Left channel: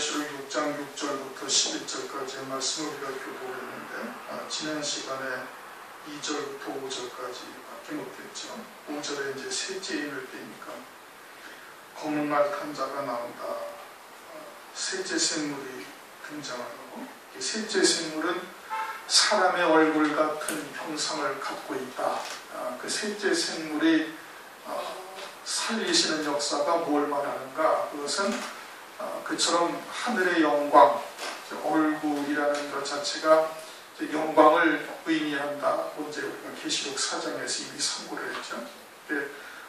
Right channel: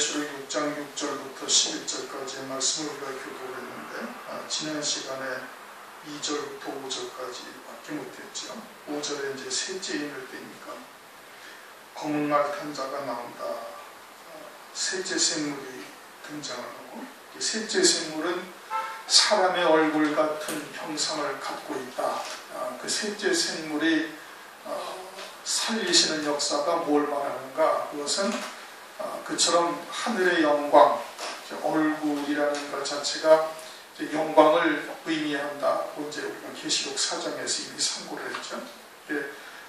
요한계시록 6장 6절부터 11절까지의 말씀을 우리가 교독했는데 지난 시간에 2절부터 5절까지밖에 못했죠. 5절에 이제 셋째 인을 떼니까 검은 말 탄 자가 나온다. 셋째 생물이 등장을 하고, 이 셋째 생물은 사람의 얼굴 같은 형상을 갖고 있다. 그 셋째 생물이 살리시는 역사가 뭘 말하는가? 그것은 그처럼 하늘의 영광, 얼굴이라는 것 자체가 영광을 의미한다. 언제 우리가 계시록 4장에서 이미 상고를 했죠.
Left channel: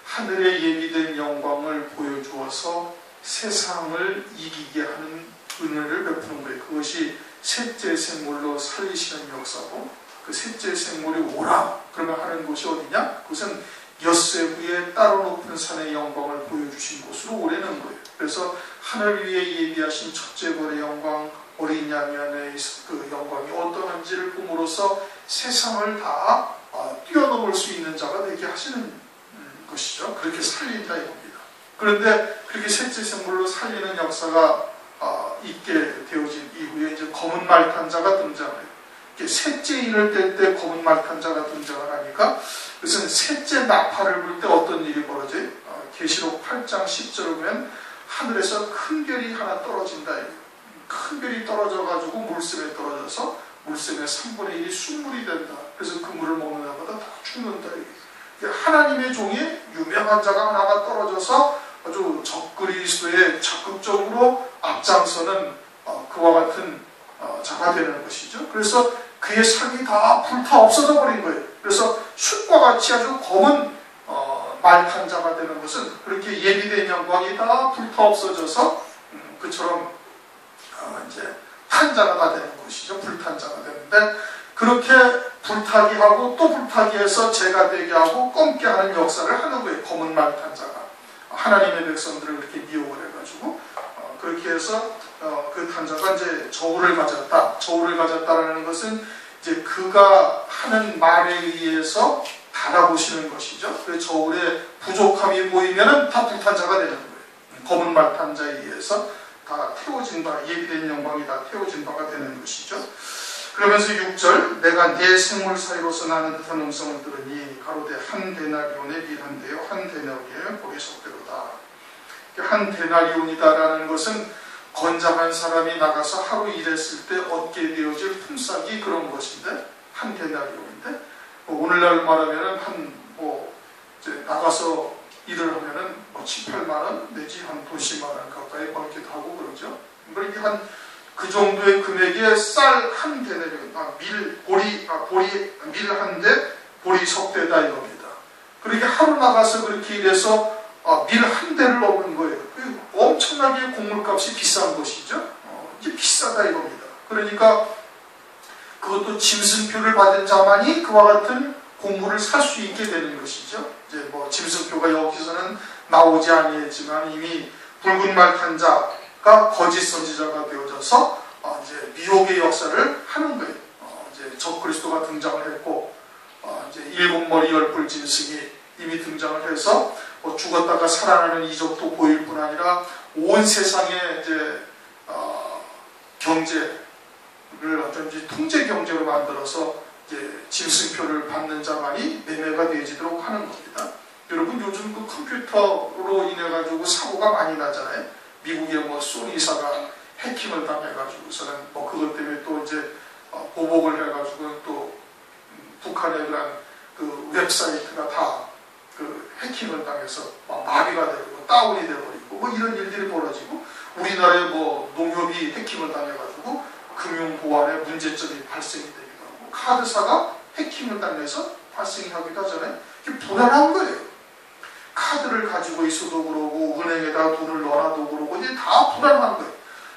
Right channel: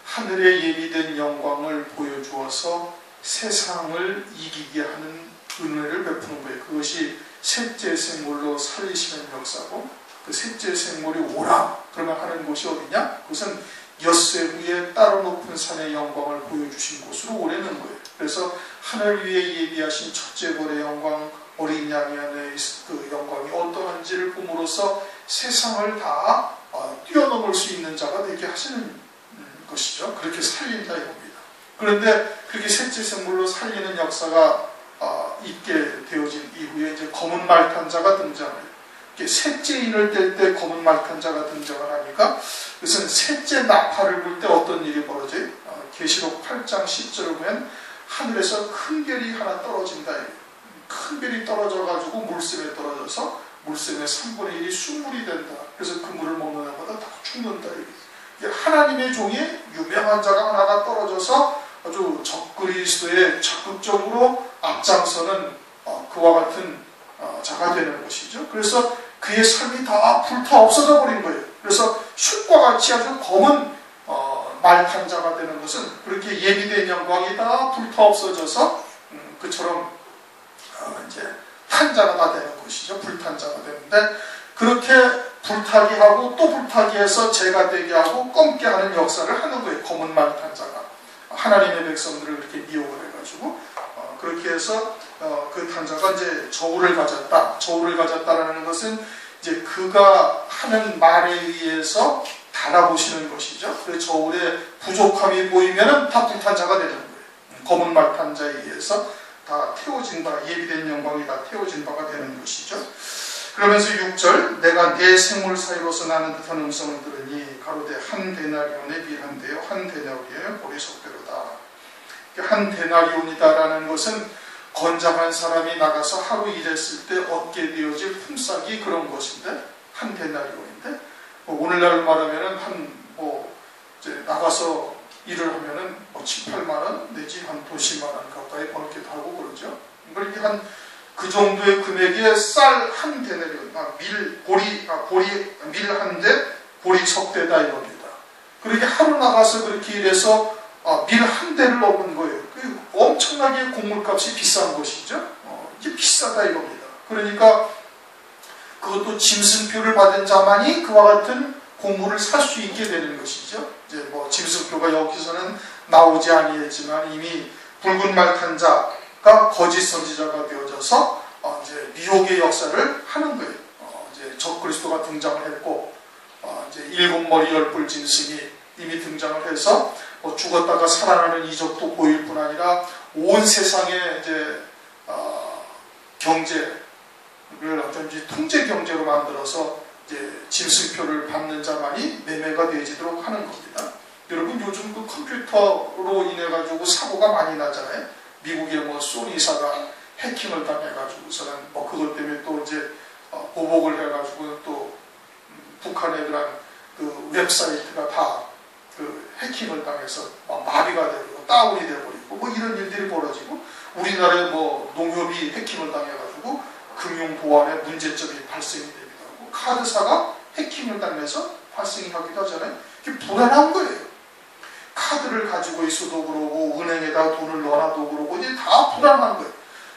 하늘에 예비된 영광을 보여주어서 세상을 이기게 하는 은혜를 베푸는 거예요. 그것이 셋째 생물로 살리시는 역사고, 그 셋째 생물이 오라 그러면 하는 곳이 어디냐? 그것은 엿새부의 따로 높은 산의 영광을 보여주신 곳으로 오래는 거예요. 그래서 하늘 위에 예비하신 첫째 벌의 영광, 어린 양의 안에 그 영광이 어떠한지를 봄으로써 세상을 다 뛰어넘을 수 있는 자가 되게 하시는 것이죠. 그렇게 살린다 이겁니다. 그런데 그렇게 셋째 생물로 살리는 역사가 있게 되어진 이후에 이제 검은 말 탄 자가 등장해요. 셋째 인을 뗄 때 검은 말 탄 자가 등장을 하니까 그것은 셋째 나팔을 불 때 어떤 일이 벌어져요? 계시록 8장 10절을 보면 하늘에서 큰 별이 하나 떨어진다. 큰 별이 떨어져가지고 물샘에 떨어져서 물샘의 3분의 1이 순물이 된다. 그래서 그 물을 먹는 자마다 다 죽는다. 하나님의 종이 유명한 자가 하나가 떨어져서 아주 적그리스도에 적극적으로 앞장서는 그와 같은 자가 되는 것이죠. 그래서 그의 삶이 다 불타 없어져 버린 거예요. 그래서 숯과 같이 아주 검은 말탄 자가 되는 것은 그렇게 예비된 영광이 다 불타 없어져서 그처럼 이제 탄자가 다 되는 것이죠. 불탄 자가 되는데, 그렇게 불타게 하고 또 불타게 해서 재가 되게 하고 검게 하는 역사를 하는 거예요. 검은 말탄 자가 하나님의 백성들을 그렇게 미혹을 해가지고 그렇게 해서 그 탄자가 이제 저울을 가졌다. 저울을 가졌다라는 것은 이제 그가 하는 말에 의해서 달아보시는 것이죠. 그 저울에 부족함이 보이면은 다 불탄자가 되는 거예요. 검은 말 탄자에 의해서 다 태워진 바, 예비된 영광이 다 태워진 바가 되는 것이죠. 그러면서 6절, 내가 네 생물 사이로서 나는 듯한 음성을 들으니 가로되 한 데나리온에 밀한데요, 한 데나리온에 복의 속대로다. 한 데나리온이다라는 것은 건장한 사람이 나가서 하루 일했을 때 얻게 되어질 품삯이 그런 것인데, 한 데나리온인데, 오늘날 말하면은 이제 나가서 일을 하면은 7, 8만 원 내지 한 10만 원 가까이 벌기도 하고 그러죠. 그렇게 그 정도의 금액에 쌀 한 대내면 밀 한 대, 보리 석대다 이겁니다. 그렇게 하루 나가서 그렇게 일해서 밀 한 대를 넣은 거예요. 엄청나게 곡물값이 비싼 것이죠. 이게 비싸다 이겁니다. 그러니까 그것도 짐승표를 받은 자만이 그와 같은 곡물을 살 수 있게 되는 것이죠. 이제 짐승표가 여기서는 나오지 아니했지만 이미 붉은 말 탄 자가 거짓 선지자가 되어져서 이제 미혹의 역사를 하는 거예요. 이제 적그리스도가 등장을 했고, 이제 7머리 10뿔 짐승이 이미 등장을 해서 죽었다가 살아나는 이적도 보일 뿐 아니라 온 세상의 이제 경제를 어쩐지 통제 경제로 만들어서 이제 짐승표를 받는 자만이 매매가 되지도록 하는 겁니다. 여러분 요즘 그 컴퓨터로 인해 가지고 사고가 많이 나잖아요. 미국의 소니사가 해킹을 당해가지고서는 그것 때문에 또 이제 보복을 해가지고 또 북한의 그런 그 웹사이트가 다 그 해킹을 당해서 마비가 되고 다운이 되어버리고 이런 일들이 벌어지고, 우리나라의 농협이 해킹을 당해가지고 금융보안에 문제점이 발생이 되기도 하고, 카드사가 해킹을 당해서 발생하기도 하잖아요. 이게 불안한 거예요. 카드를 가지고 있어도 그러고 은행에다 돈을 넣어놔도 그러고 이제 다 불안한 거예요.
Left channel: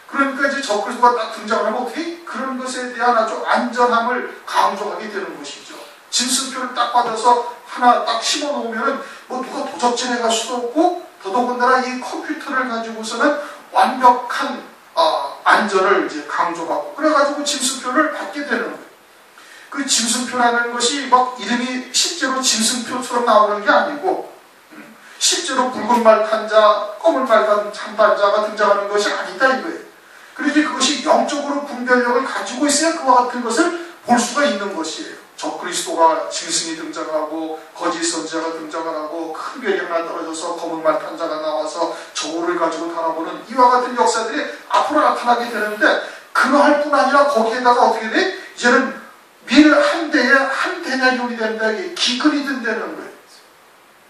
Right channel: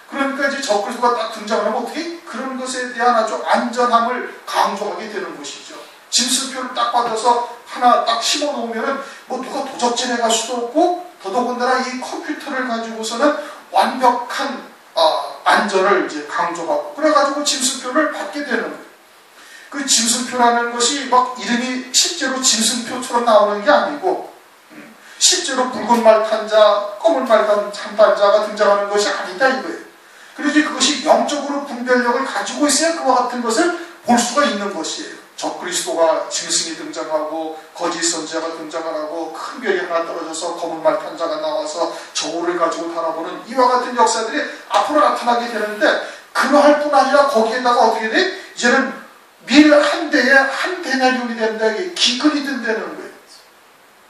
그러니까 이제 적그리스도가 딱 등장하면 어떻게 그런 것에 대한 아주 안전함을 강조하게 되는 것이죠. 짐승표를 딱 받아서 하나 딱 심어 놓으면은 누가 도적질해 갈 수도 없고, 더더군다나 이 컴퓨터를 가지고서는 완벽한 안전을 이제 강조하고 그래가지고 짐승표를 받게 되는 거예요. 그 짐승표라는 것이 이름이 실제로 짐승표처럼 나오는 게 아니고, 실제로 붉은 말 탄 자, 검은 말 탄 자가 등장하는 것이 아니다 이거예요. 분별력을 가지고 있어야 그와 같은 것을 볼 수가 있는 것이에요. 적그리스도가 짐승이 등장하고 거짓 선지자가 등장을 하고 큰 별이 하나 떨어져서 검은 말 탄 자가 나와서 저울을 가지고 달아보는 이와 같은 역사들이 앞으로 나타나게 되는데, 그러할 뿐 아니라 거기에다가 어떻게 돼? 이제는 밀 한 대에 한 데나리온이 된다. 이게 기근이 된다는 거예요.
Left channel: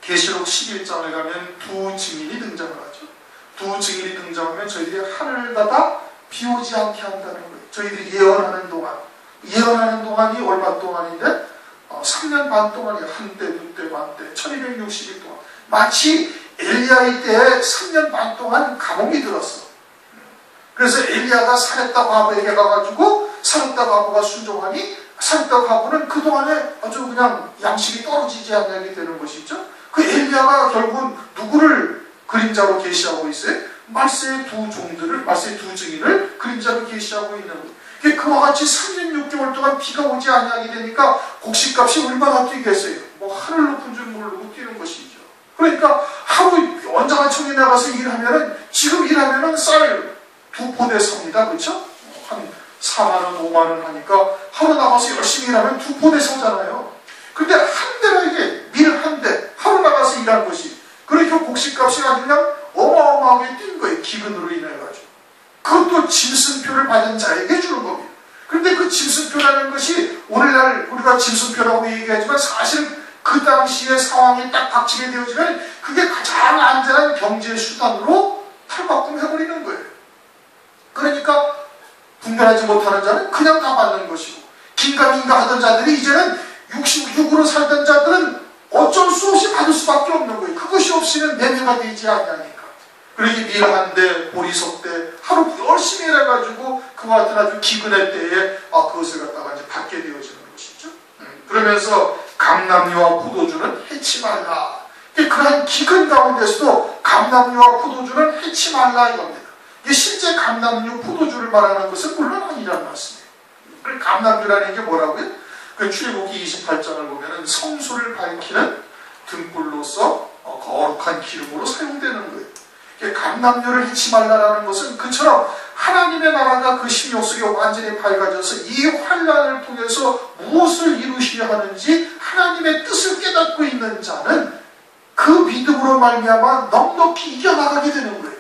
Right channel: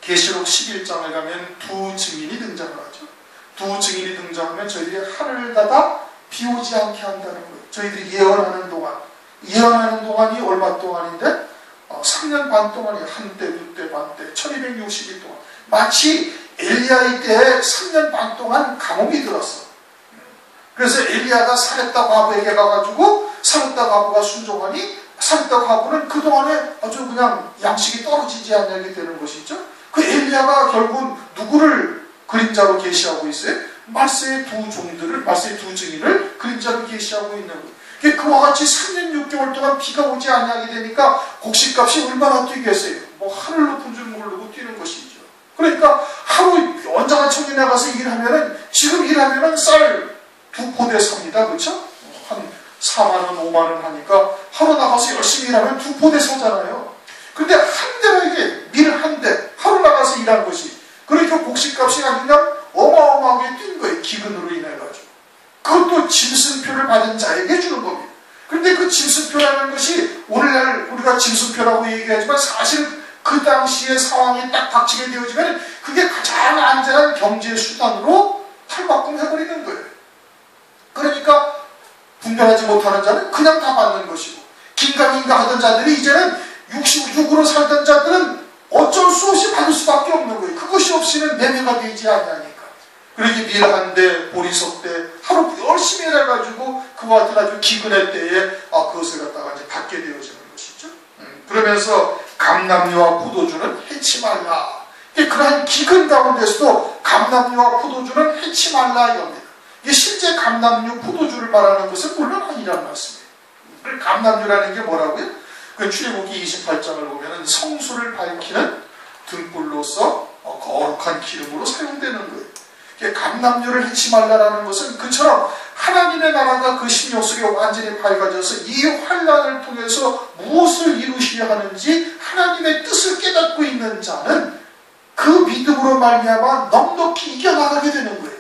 계시록 11장에 가면 두 증인이 등장을 하죠. 두 증인이 등장하면 저희들이 하늘을 닫아 비 오지 않게 한다는 거예요. 저희들이 예언하는 동안이 얼마 동안인데 3년 반 동안이에요. 한때, 두때, 반때, 1260일 동안. 마치 엘리야의 때에 3년 반 동안 감옥이 들었어. 그래서 엘리야가 사렙다 과부에게 가가지고 사렙다 과부가 순종하니 사렙다 과부는 그동안에 아주 그냥 양식이 떨어지지 않게 되는 것이죠. 그 엘리야가 결국은 누구를 그림자로 계시하고 있어요? 말세의 두 종들을, 말세의 두 증인을 그림자로 계시하고 있는 거예요. 그와 같이 3년 6개월 동안 비가 오지 않게 되니까 곡식값이 얼마나 뛰겠어요? 뭐 하늘 높은 줄 모르고 뛰는 것이죠. 그러니까 하루 원자가청에 나가서 일하면은, 지금 일하면은 쌀 2포대 삽니다. 그렇죠? 한 4만원, 5만원 하니까 하루 나가서 열심히 일하면 2포대 사잖아요. 근데 한 대로 이게 밀 한 대, 하루 나가서 일한 것이, 그러니까 곡식값이 아주 그냥 어마어마하게 뛴 거예요. 기근으로 인해가지고. 그것도 짐승표를 받은 자에게 주는 겁니다. 그런데 그 짐승표라는 것이 오늘날 우리가 짐승표라고 얘기하지만 사실 그 당시의 상황이 딱 닥치게 되어지면 그게 가장 안전한 경제 수단으로 탈바꿈해버리는 거예요. 그러니까 분별하지 못하는 자는 그냥 다 받는 것이고, 긴가민가 하던 자들이 이제는 66으로 살던 자들은 어쩔 수 없이 받을 수밖에 없는 거예요. 그것이 없이는 매매가 되지 않으니까. 그러니 밀 한 대, 보리석 대, 하루 열심히 일해가지고 그와 같은 아주 기근의 때에 그것을 갖다가 이제 받게 되어지는 것이죠. 그러면서 감람류와 포도주는 해치 말라. 그러한 기근 가운데서도 감람류와 포도주는 해치 말라 이겁니다. 이게 실제 감람류, 포도주를 말하는 것은 물론 아니란 말씀이에요. 감람류라는 게 뭐라고요? 그 출애굽기 28장을 보면은 성소를 밝히는 등불로서 거룩한 기름으로 사용되는 거예요. 감람류를 해치 말라라는 것은 그처럼 하나님의 나라가 그 심령 속에 완전히 밝아져서 이 환난을 통해서 무엇을 이루시려 하는지 하나님의 뜻을 깨닫고 있는 자는 그 믿음으로 말미암아 넉넉히 이겨나가게 되는 거예요.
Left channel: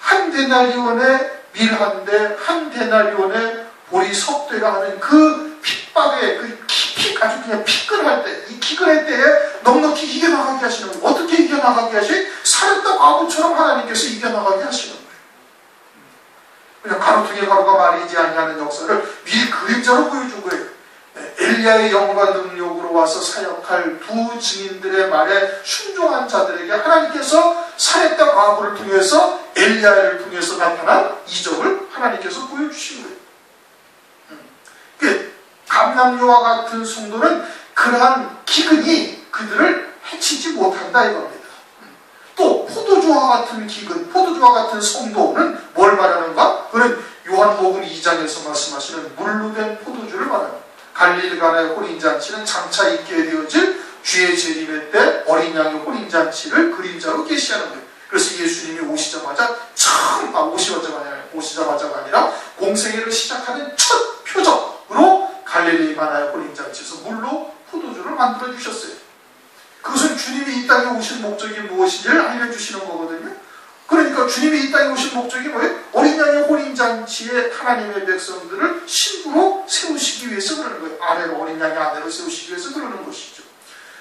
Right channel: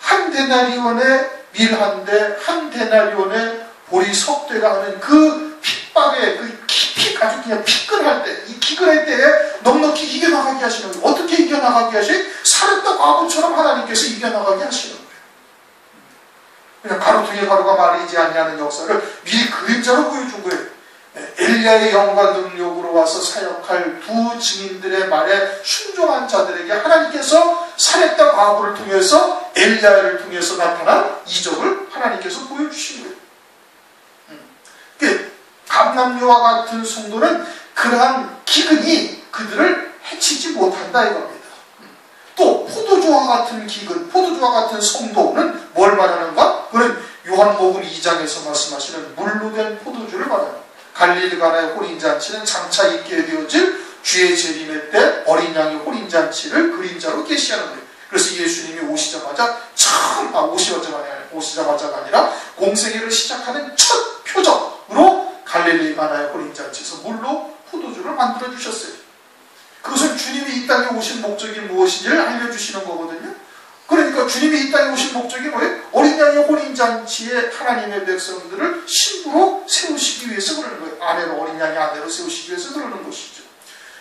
한 데나리온의 밀 한 대, 한 데나리온의 보리 석 대가 하는 그 핍박에, 아주 그냥 피근할 때, 이 기근할 때에 넉넉히 이겨나가게 하시는 거예요. 어떻게 이겨나가게 하시? 사렙다 과부처럼 하나님께서 이겨나가게 하시는 거예요. 그냥 가로등에 가로가 말이지 아니하는 역사를 밀 그림자로 보여준 거예요. 엘리야의 영과 능력으로 와서 사역할 두 증인들의 말에 순종한 자들에게 하나님께서 사렙다 과부를 통해서, 엘리야를 통해서 나타난 이적을 하나님께서 보여주신 거예요. 감람류와 같은 성도는 그러한 기근이 그들을 해치지 못한다 이겁니다. 또 포도주와 같은 기근, 포도주와 같은 성도는 뭘 말하는가? 그는 요한복음 2장에서 말씀하시는 물로 된 포도주를 말합니다. 갈릴리 가나의 혼인잔치는 장차 있게 되어질 주의 재림의 때 어린 양의 혼인잔치를 그림자로 계시하는 거예요. 그래서 예수님이 오시자마자가 아니라 공생애를 시작하는 첫 표적으로 갈릴리 가나의 혼인잔치에서 물로 포도주를 만들어 주셨어요. 그것은 주님이 이 땅에 오신 목적이 무엇인지를 알려주시는 거거든요. 그러니까 주님이 이 땅에 오신 목적이 뭐예요? 어린 양의 혼인잔치에 하나님의 백성들을 신부로 세우시기 위해서 그러는 거예요. 아내로, 어린 양의 아내로 세우시기 위해서 그러는 것이죠.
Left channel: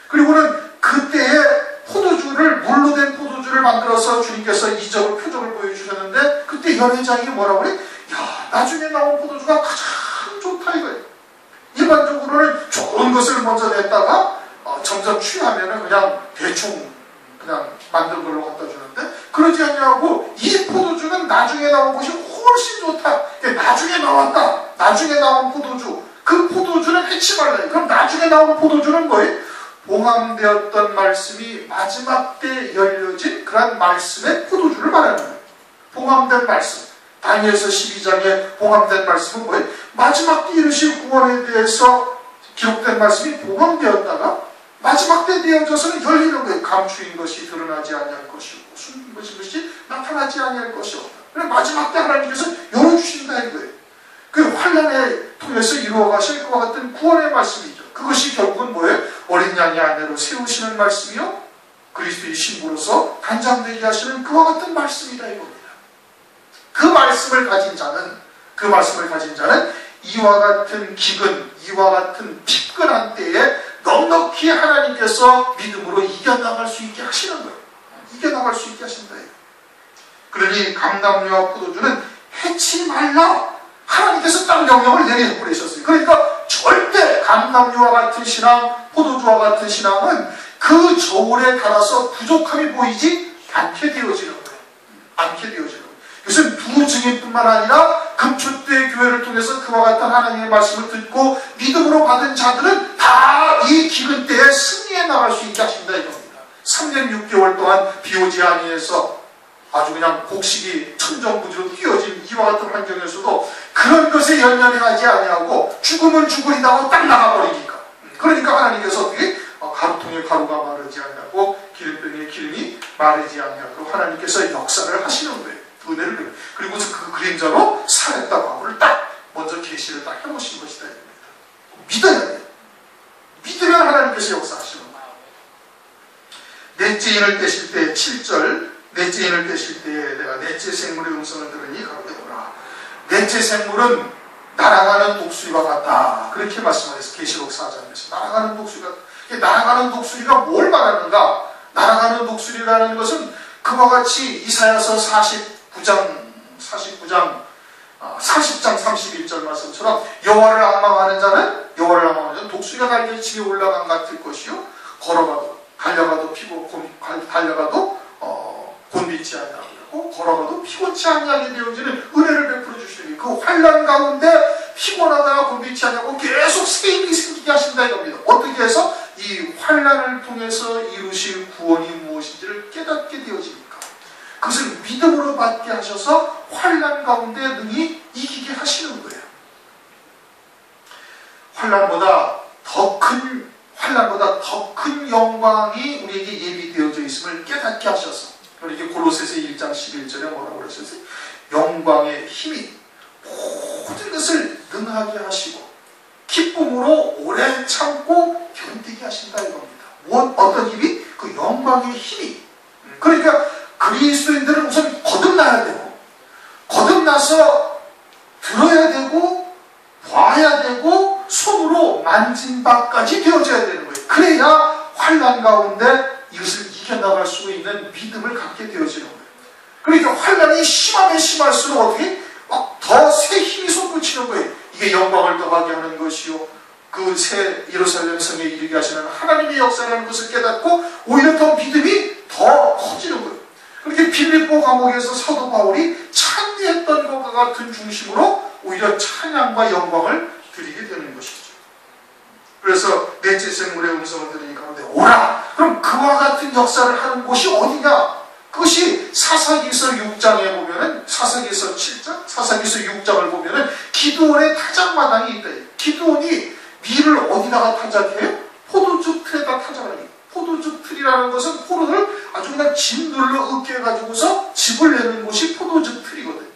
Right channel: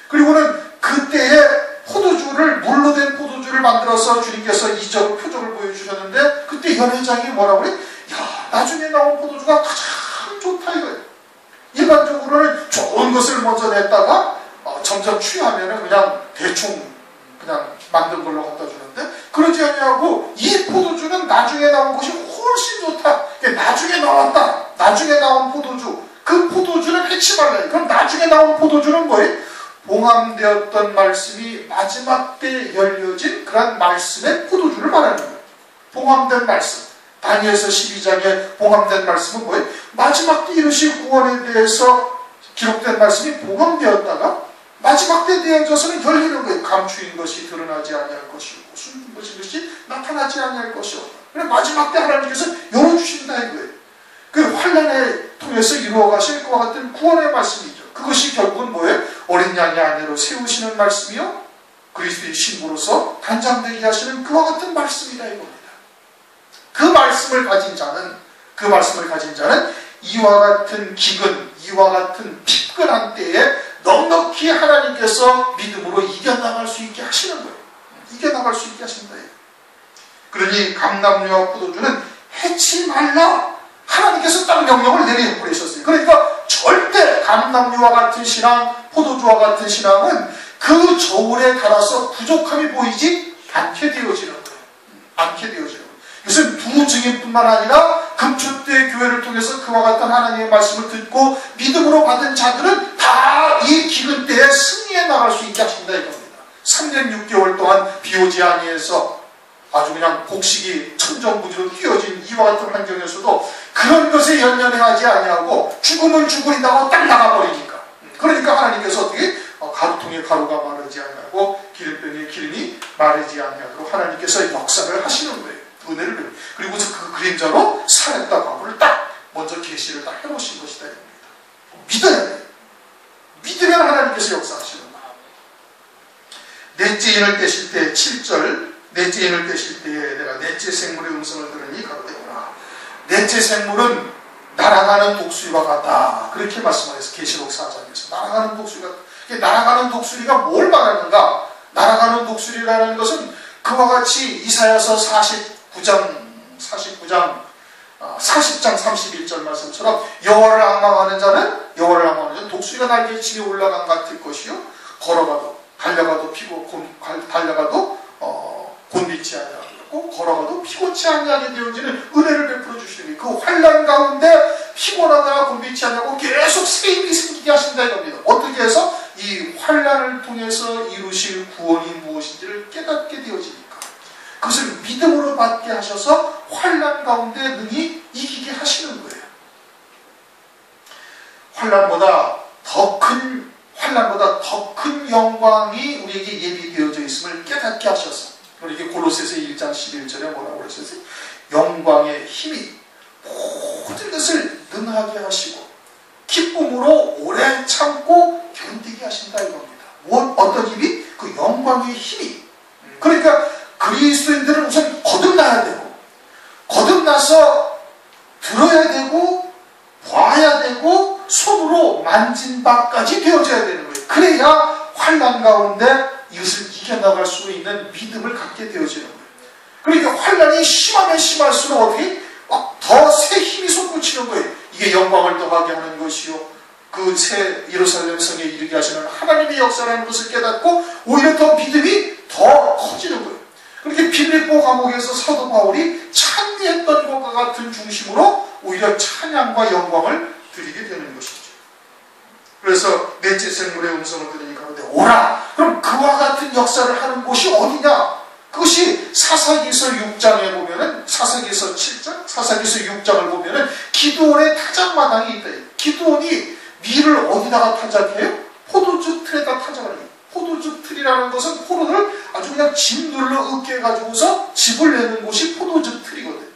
그리고는 그때에 포도주를, 물로 된 포도주를 만들어서 주님께서 이적을, 표적을 보여주셨는데, 그때 연회장이 뭐라고 그래? 야, 나중에 나온 포도주가 가장 좋다 이거예요. 일반적으로는 좋은 것을 먼저 냈다가 점점 취하면은 그냥 대충 그냥 만든 걸로 갖다 주는데, 그러지 않냐고 이 포도주는 나중에 나온 것이 훨씬 좋다. 나중에 나왔다. 나중에 나온 포도주. 그 포도주는 해치 말라요. 그럼 나중에 나온 포도주는 뭐예요? 봉함되었던 말씀이 마지막 때 열려진 그런 말씀의 포도주를 말하는 거예요. 봉함된 말씀. 다니엘서 12장에 봉함된 말씀은 뭐예요? 마지막 때 이루실 구원에 대해서 기록된 말씀이 봉함되었다가 마지막 때 되어져서는 열리는 거예요. 감추인 것이 드러나지 아니할 것이고 숨긴 것이 나타나지 아니할 것이 없다. 그래서 마지막 때 하나님께서 열어주신다 이거예요. 통해서 이루어 가실 그와 같은 구원의 말씀이죠. 그것이 결국은 뭐예요? 어린 양의 아내로 세우시는 말씀이요, 그리스도의 신부로서 단장되게 하시는 그와 같은 말씀이다 이겁니다. 그 말씀을 가진 자는 이와 같은 기근, 이와 같은 피곤한 때에 넉넉히 하나님께서 믿음으로 이겨나갈 수 있게 하시는 거예요. 이겨나갈 수 있게 하신다. 그러니 감람류와 포도주는 해치 말라, 하나님께서 딱 명령을 내려버리셨어요. 그러니까 절대 감람류와 같은 신앙, 포도주와 같은 신앙은 그 저울에 달아서 부족함이 보이지 않게 되어지는 거예요. 않게 되어지는 거예요. 이것은 두 증인뿐만 아니라 금초 때 교회를 통해서 그와 같은 하나님의 말씀을 듣고 믿음으로 받은 자들은 다 이 기근 때에 승리해 나갈 수 있게 하신다 이겁니다. 3년 6개월 동안 비 오지 아니해서 아주 그냥 곡식이 천정부지로 뛰어진 이와 같은 환경에서도 그런 것에 연연하지 아니하고 죽으면 죽으리다고 딱 나가버리니까. 그러니까 하나님께서 어떻게 가루통에 가루가 마르지 아니하고 기름병에 기름이 마르지 아니하고 하나님께서 역사를 하시는 거예요. 은혜를 베풀고. 그리고 그 그림자로 살았다 과거를 딱 먼저 계시를 딱 해놓으신 것이다 이겁니다. 믿어야 돼요. 믿으면 하나님께서 역사하시는 거예요. 넷째 인을 떼실 때 7절, 넷째 인을 떼실 때에 내가 넷째 생물의 음성을 들으니 가로되 오라. 넷째 생물은 날아가는 독수리와 같다. 그렇게 말씀하셨어요. 계시록 4장에서. 날아가는 독수리가, 날아가는 독수리가 뭘 말하는가? 날아가는 독수리라는 것은 그와 같이 이사야서 40장 31절 말씀처럼 여호와를 앙망하는 자는 독수리가 날개 치에 올라간 같을 것이요, 걸어가도 달려가도 곤비치 아니하고 걸어가도 피곤치 아니하게 되어지는 은혜를 베풀어 주시는 그 환난 가운데 피곤하다가 곤비치 아니하고 계속 새 힘이 생기게 하신다 이겁니다. 어떻게 해서 이 환난을 통해서 이루실 구원이 무엇인지를 깨닫게 되어집니까? 그것을 믿음으로 받게 하셔서 환난 가운데 능히 이기게 하시는 거예요. 환난보다 더 큰 영광이 우리에게 예비되어져 있음을 깨닫게 하셔서, 우리에게 골로새서 1장 11절에 뭐라고 그러셨어요? 영광의 힘이 모든 것을 능하게 하시고 기쁨으로 오래 참고 견디게 하신다 이겁니다. 어떤 힘이? 그 영광의 힘이. 그러니까 그리스도인들은 우선 거듭나야 되고, 거듭나서 들어야 되고, 봐야 되고, 손으로 만진 바까지 되어져야 되는 거예요. 그래야 환난 가운데 이것을 이겨나갈 수 있는 믿음을 갖게 되어지는 거예요. 그러니까 환난이 심하면 심할수록 어떻게 더 새 힘이 솟구치는 거예요. 이게 영광을 더하게 하는 것이요, 그 새 예루살렘 성에 이르게 하시는 하나님의 역사라는 것을 깨닫고 오히려 더 믿음이 더 커지는 거예요. 그렇게 빌립보 감옥에서 사도 바울이 찬미했던 것과 같은 중심으로 오히려 찬양과 영광을 드리게 되는 것이죠. 그래서 넷째 생물의 음성을 들으니 가로되 오라. 그럼 그와 같은 역사를 하는 곳이 어디냐? 그것이 사사기서 6장에 보면은, 사사기서 7장, 사사기서 6장을 보면은 기드온의 타작마당이 있다. 기드온이 밀을 어디다가 타작해요? 포도주 틀에다 타작을 해요. 포도주 틀이라는 것은 포도를 아주 그냥 짓눌러 으깨 가지고서 즙을 내는 곳이 포도주 틀이거든.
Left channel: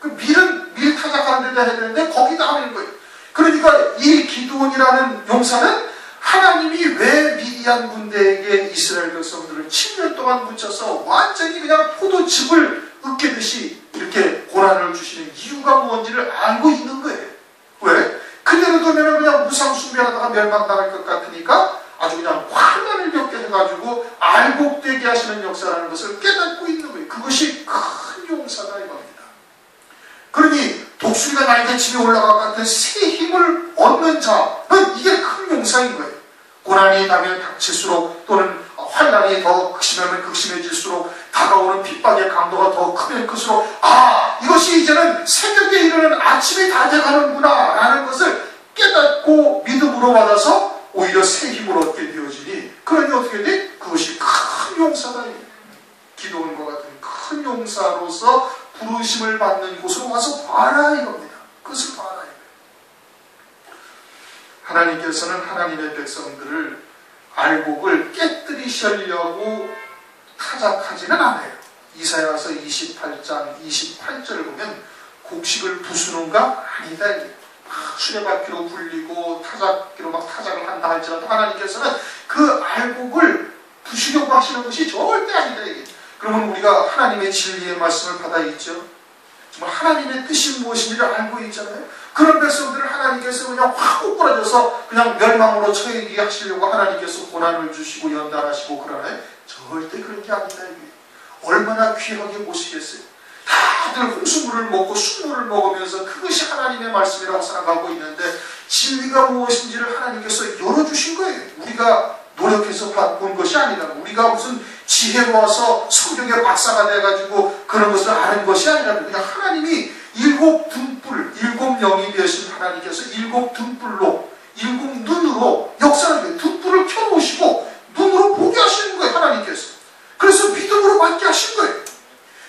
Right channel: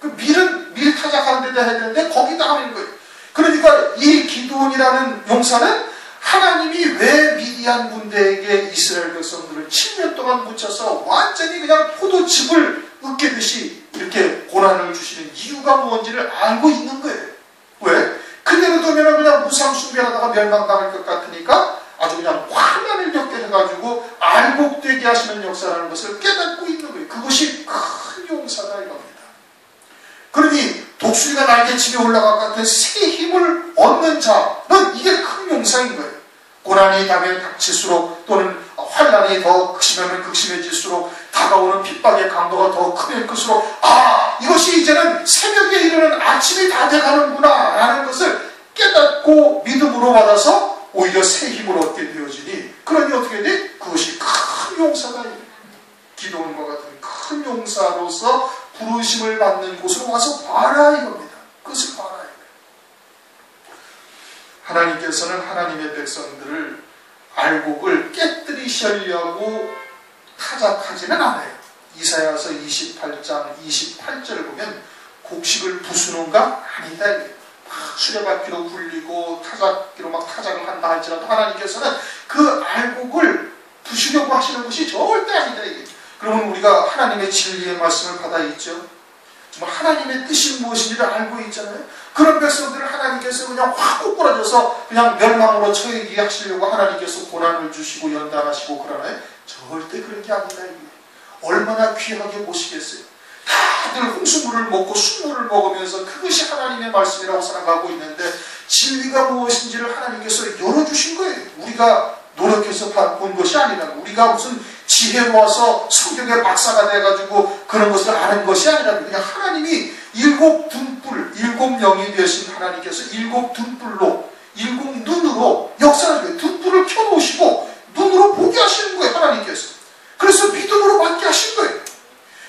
그 밀은 밀 타작하는 데다 해야 되는데 거기다 하는 거예요. 그러니까 이 기드온이라는 용사는 하나님이 왜 미디안 군대에게 이스라엘 백성들을 7년 동안 묻혀서 완전히 그냥 포도즙을 으깨듯이 이렇게 고난을 주시는 이유가 뭔지를 알고 있는 거예요. 왜? 그대로 두면 그냥 무상숭배하다가 멸망당할 것 같으니까 아주 그냥 환난을 겪게 해가지고 알곡되게 하시는 역사라는 것을 깨닫고 있는 거예요. 그것이 큰 용사다 이겁니다. 그러니 독수리가 날개치며 올라갈 것 같은 새 힘을 얻는 자는 이게 큰 용사인 거예요. 고난이 담에 닥칠수록, 또는 환난이 더 극심하면 극심해질수록, 다가오는 핍박의 강도가 더 크면 클수록, 이것이 이제는 새벽에 이르는 아침이 다 돼가는구나 라는 것을 깨닫고 믿음으로 받아서 오히려 새 힘을 얻게 되어지니, 그러니 어떻게 돼? 그것이 큰 용사다. 기도원과 같은 큰 용사로서 부르심을 받는 곳으로 와서 봐라 이겁니다. 그것을 봐라 이거예요. 하나님께서는 하나님의 백성들을 알곡을 깨뜨리시려고 타작하지는 않아요. 이사야서 28장 28절을 보면 곡식을 부수는가? 아니다. 수레바퀴로 굴리고 타작기로 막 타작을 한다 할지라도 하나님께서는 그 알곡을 부수려고 하시는 것이 절대 아니다. 이게. 그러면 우리가 하나님의 진리의 말씀을 받아 있죠. 정말 하나님의 뜻이 무엇인지를 알고 있잖아요. 그런 백성들을 하나님께서 그냥 확 꼬꾸라져서 그냥 멸망으로 처하게 하시려고 하나님께서 고난을 주시고 연단하시고 그러나요? 절대 그런 게 아니다. 이게. 얼마나 귀하게 보시겠어요. 다들 홍수물을 먹고 순물을 먹으면서 그것이 하나님의 말씀이라고 생각하고 있는데 진리가 무엇인지를 하나님께서 열어주신 거예요. 우리가 노력해서 본 것이 아니다. 우리가 무슨 지혜로워서 성경의 박사가 돼가지고 그런 것을 아는 것이 아니라 그냥 하나님이 일곱 명이 되신 하나님께서 일곱 등불로 일곱 눈으로 역사를 등불을 켜놓으시고 눈으로 보게 하시는 거예요. 하나님께서. 그래서 믿음으로 받게 하신 거예요.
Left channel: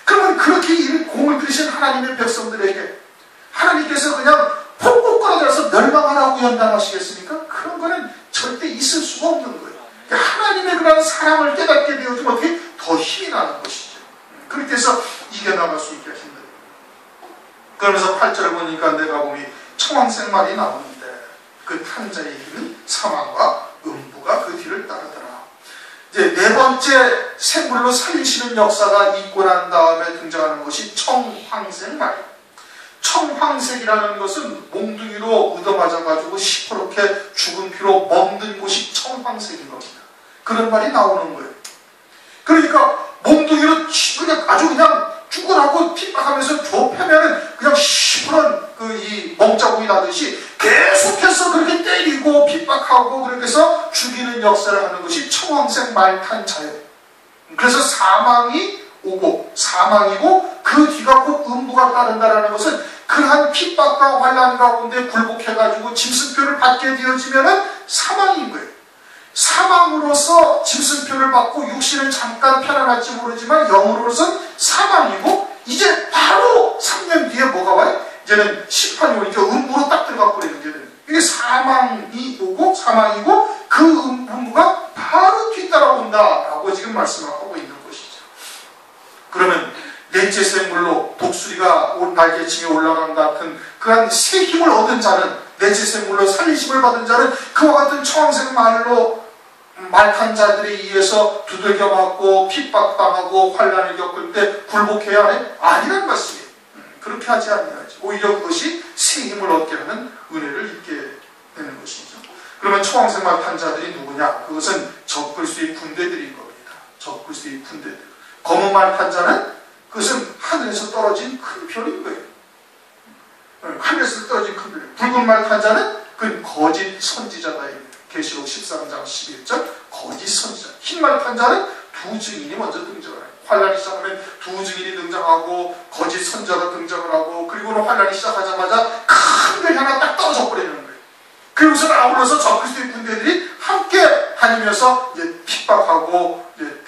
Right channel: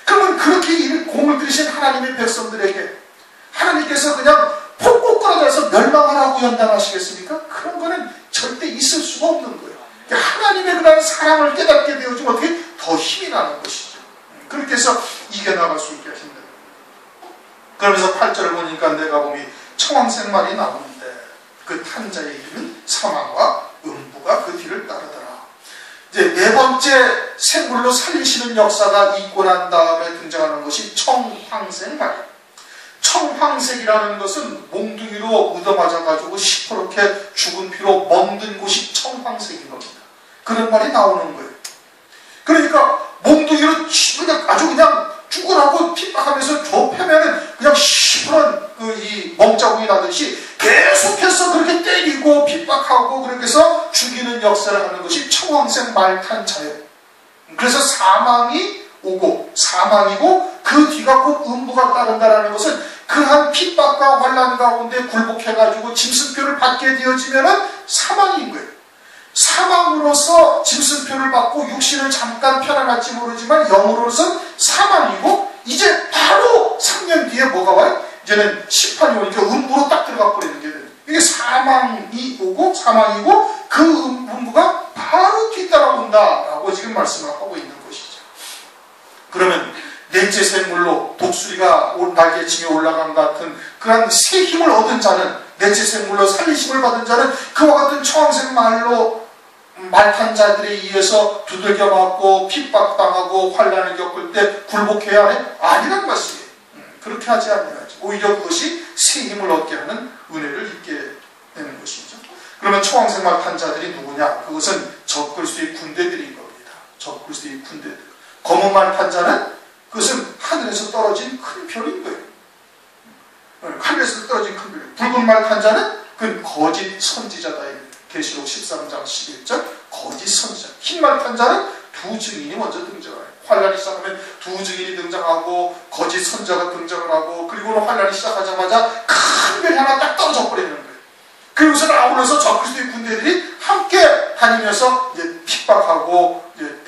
그러면 그렇게 공을 들이신 하나님의 백성들에게 하나님께서 그냥 폭폭 끌어들여서 멸망하라고 연단하시겠습니까? 그런 거는 절대 있을 수가 없는 거예요. 하나님의 그런 사랑을 깨닫게 되어지면 어떻게 더 힘이 나는 것이죠. 그렇게 해서 이겨나갈 수 있게 하신 거예요. 그러면서 8절을 보니까 내가 보니 청황생말이 나오는데 그 탄자의 이름은 사망과 음부가 그 뒤를 따르더라. 이제 네 번째 생물로 살리시는 역사가 있고 난 다음에 등장하는 것이 청황생말이에요. 청황색이라는 것은 몽둥이로 얻어맞아가지고 시퍼렇게 죽은 피로 멍든 곳이 청황색인 겁니다. 그런 말이 나오는 거예요. 그러니까 몽둥이로 그냥 아주 그냥 죽으라고 핍박하면서 좁혀면은 그냥 시퍼런 이 멍자국이 나듯이 계속해서 그렇게 때리고 핍박하고 그렇게 해서 죽이는 역사를 하는 것이 청황색 말탄자예요. 그래서 사망이 오고 사망이고 그 뒤가 곧 음부가 따른다라는 것은 그러한 핍박과 환난 가운데 굴복해가지고 짐승표를 받게 되어지면은 사망인 거예요. 사망으로서 짐승표를 받고 육신을 잠깐 편안할지 모르지만 영으로서는 사망이고 이제 바로 3년 뒤에 뭐가 와요? 이제는 심판이 오니까 음부로 딱 들어가 버리는 게 돼요. 이게 사망이 오고 사망이고 그 음부가 바로 뒤따라온다라고 지금 말씀을 하고 있는 것이죠. 그러면 넷째 생물로 독수리가 날개치며 올라간 같은 그런 새 힘을 얻은 자는 넷째 생물로 살리심을 받은 자는 그와 같은 청황색 말로 말탄 자들에 의해서 두들겨 맞고 핍박당하고 환난을 겪을 때 굴복해야 하네? 아니란 말씀이에요. 그렇게 하지 않아야지. 오히려 그것이 새 힘을 얻게 하는 은혜를 입게 되는 것이죠. 그러면 청황색 말탄 자들이 누구냐? 그것은 적그리스도의 군대들인 겁니다. 적그리스도의 군대들. 검은 말탄 자는 그것은 하늘에서 떨어진 큰 별인 거예요. 하늘에서 떨어진 큰 별. 붉은 말탄 자는 그건 거짓 선지자다. 계시록 13장 11절 거짓 선지자. 흰 말탄 자는 두 증인이 먼저 등장해요. 환란이 시작하면 두 증인이 등장하고 거짓 선지자가 등장을 하고 그리고는 환란이 시작하자마자 큰 별이 하나 딱 떨어져 버리는 거예요. 그리고서 아울러서 적그리스도의 군대들이 함께 다니면서 이제 핍박하고 이제